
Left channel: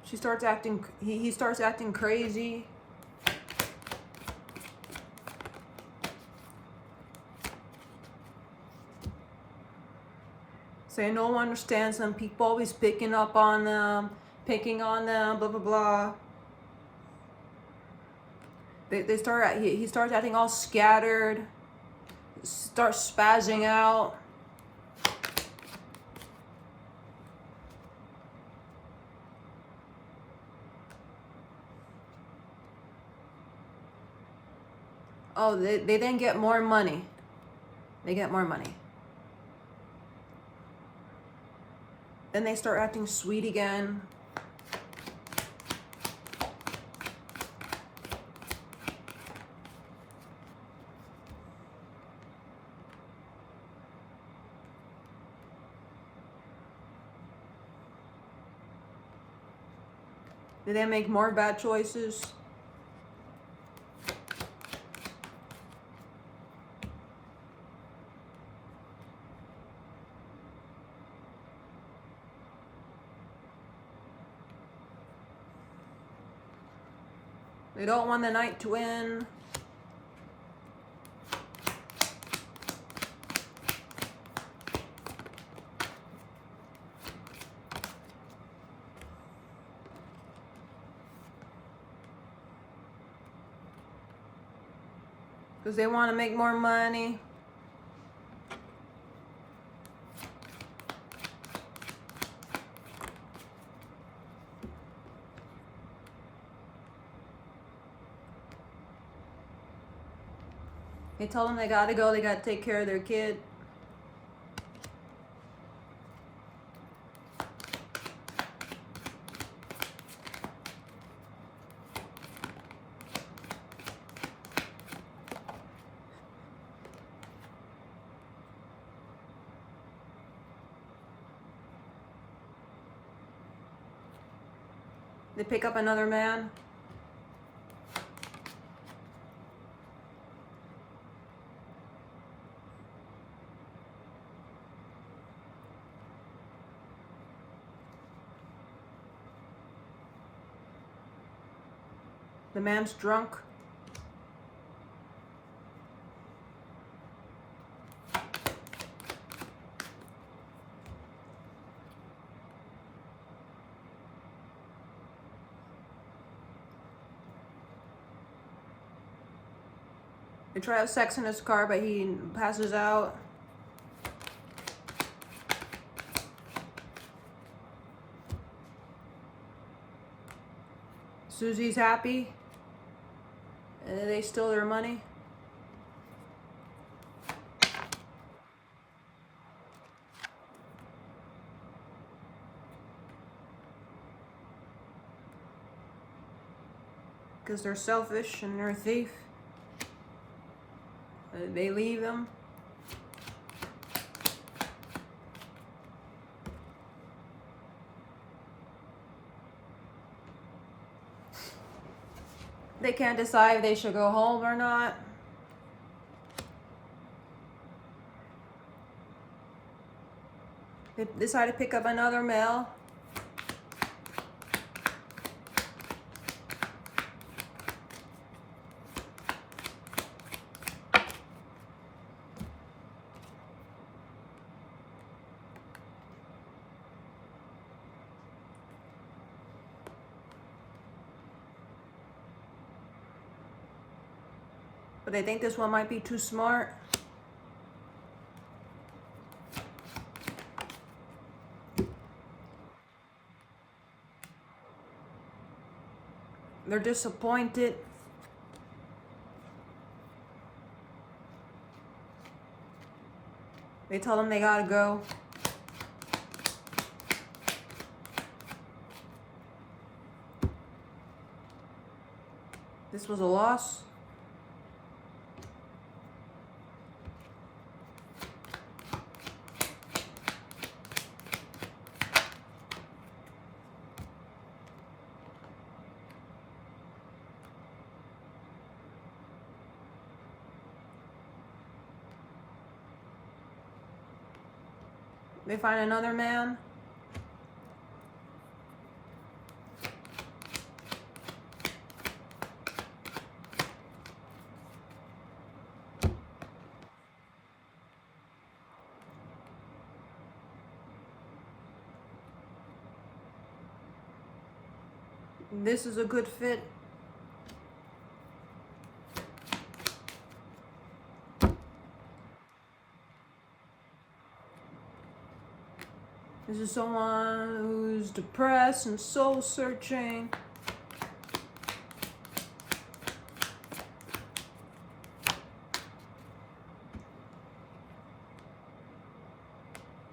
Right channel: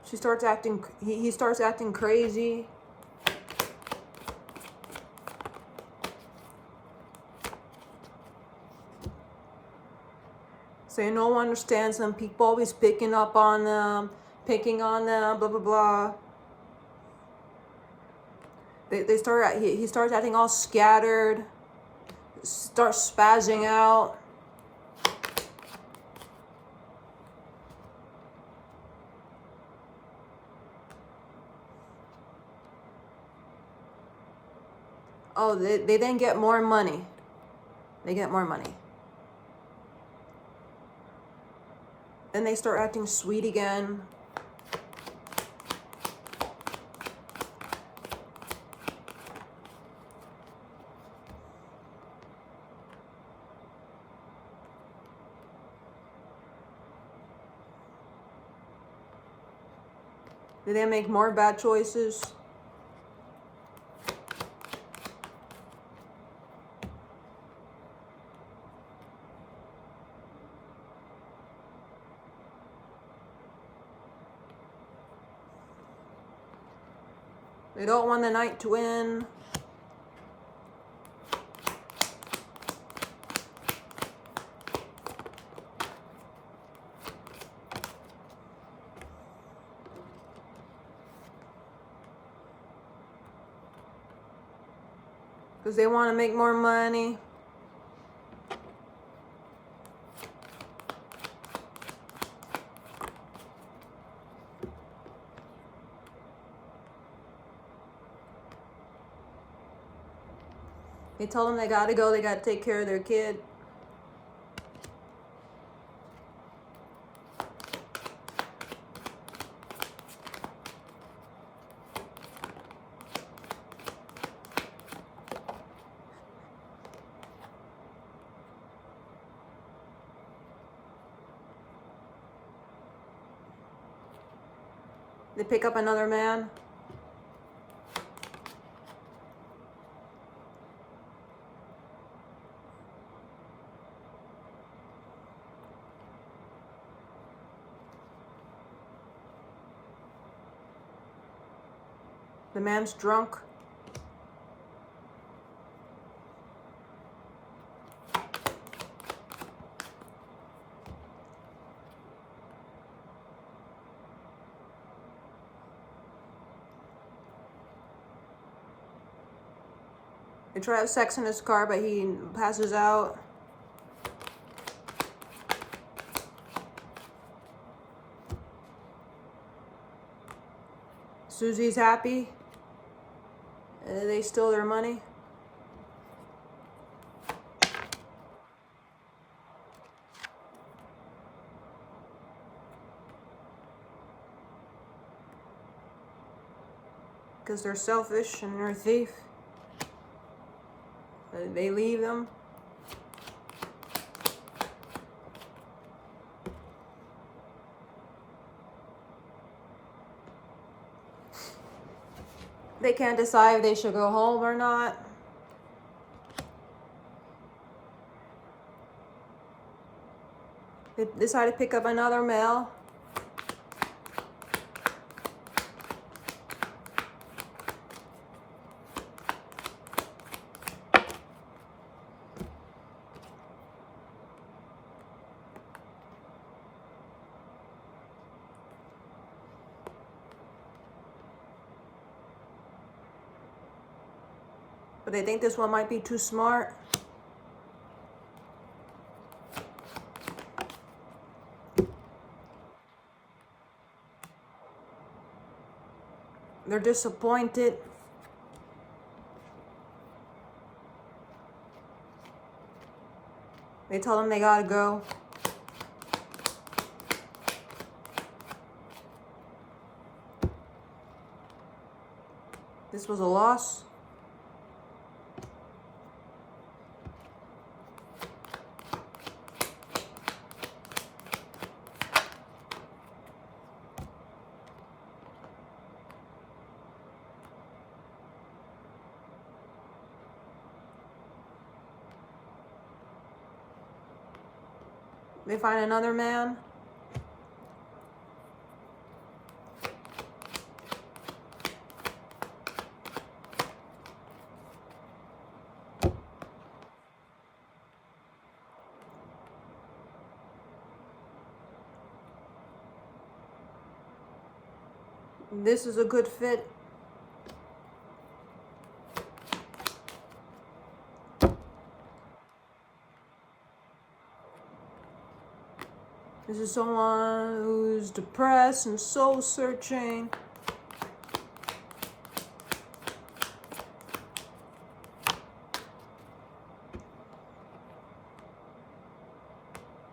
She starts acting. He starts acting crazy. Saying no one understands them. People always picking up on them, picking on them. Blah blah blah. They start. He starts acting all scattered. Starts spazzing out. Oh, they then get more money. They get more money. Then they start acting sweet again. Did they make more bad choices? They don't want the knight to win. Because they want to make more money. They told them they gotta go, they gotta take care of their kid. They pick up another man. The man's drunk. They try to have sex in his car, but he passes out. Susie's happy. They steal their money. Because they're selfish and they're a thief. They leave them. They can't decide if they should go home or not. They decide to pick up another male. But they think this one might be too smart. They're disappointed. They tell them they gotta go. This was a loss. They find another man. This is a good fit. This is someone who's depressed and soul searching.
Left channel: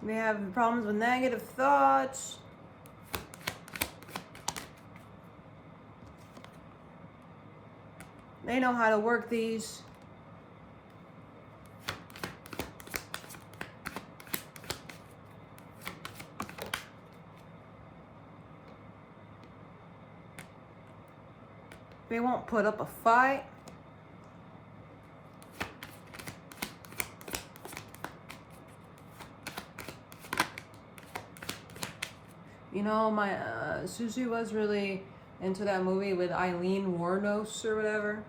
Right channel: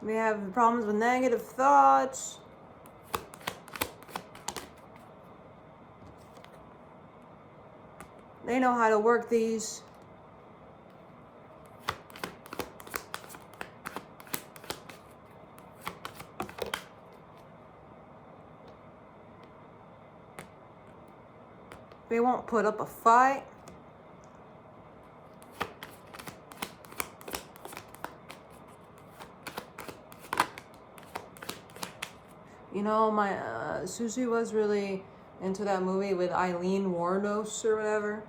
They have problems with negative thoughts. They know how to work these. They won't put up a fight. You know, my Susie was really into that movie with Eileen Wuornos or whatever.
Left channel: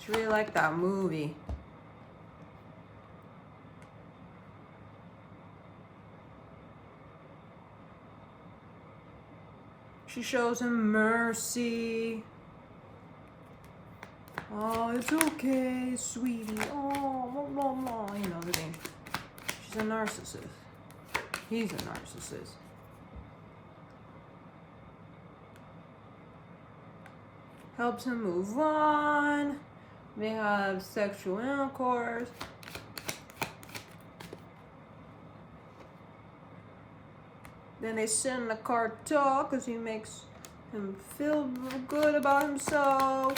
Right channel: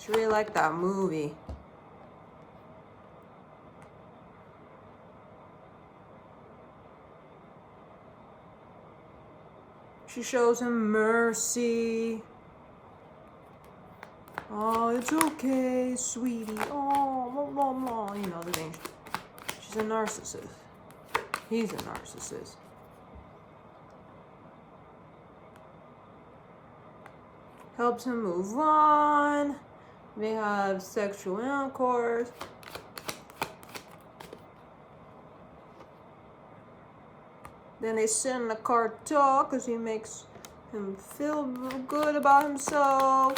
She really liked that movie. She shows him mercy. Oh, it's okay, sweetie. Oh, blah, blah, blah. You know the thing. She's a narcissist. He's a narcissist. Helps him move on. They have sexual intercourse. Then they sit in the car to talk because he makes him feel good about himself.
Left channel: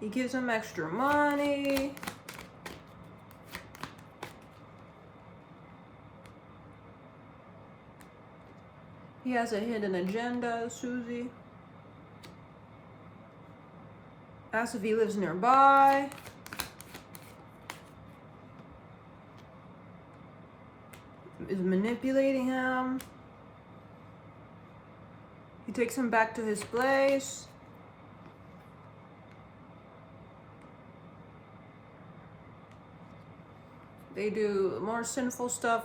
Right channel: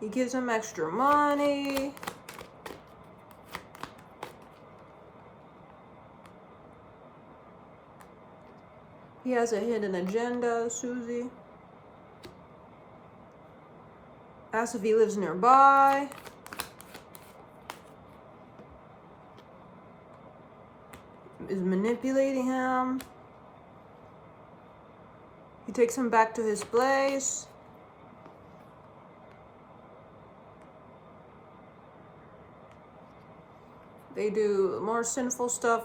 He gives him extra money. He has a hidden agenda, Susie. Asks if he lives nearby. Is manipulating him. He takes him back to his place. They do more sinful stuff.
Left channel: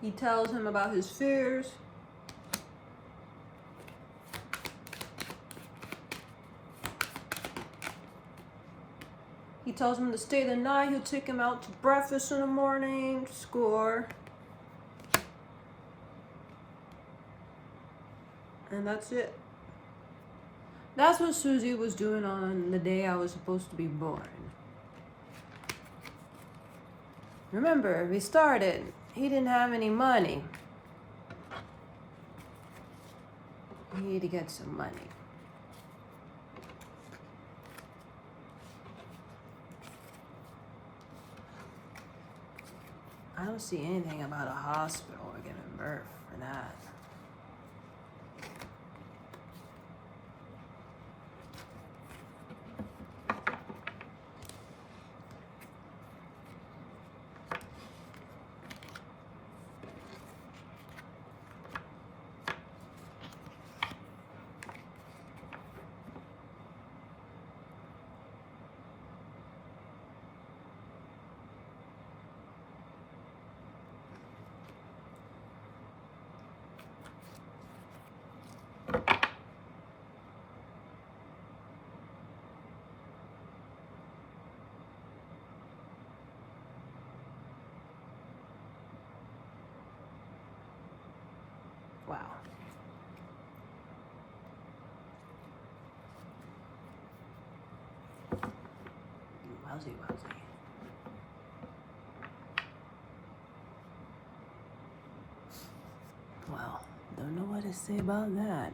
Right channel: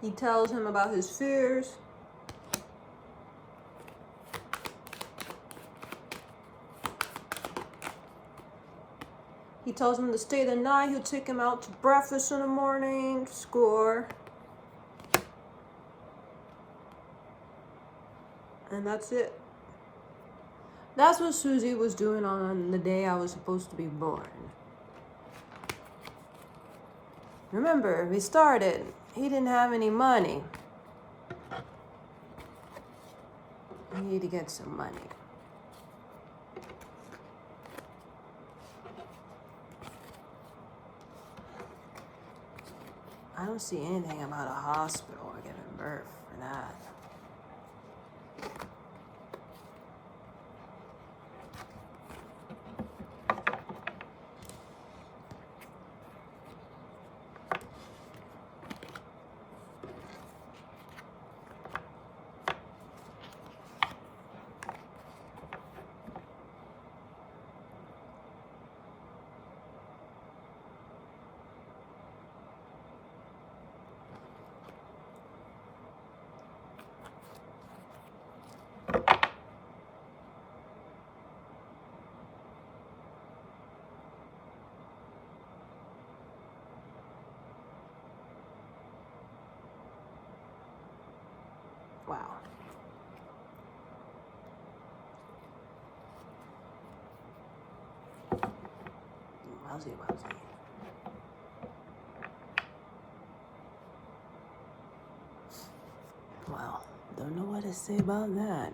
He tells him about his fears. He tells him to stay the night. He'll take him out to breakfast in the morning. Score. And that's it. That's what Susie was doing on the day I was supposed to be born. Remember, we started. He didn't have any money. He needed to get some money. I don't see anything about a hospital or giving birth for that. Wow. Wowzy, wowzy. Well, don't know what to say about that.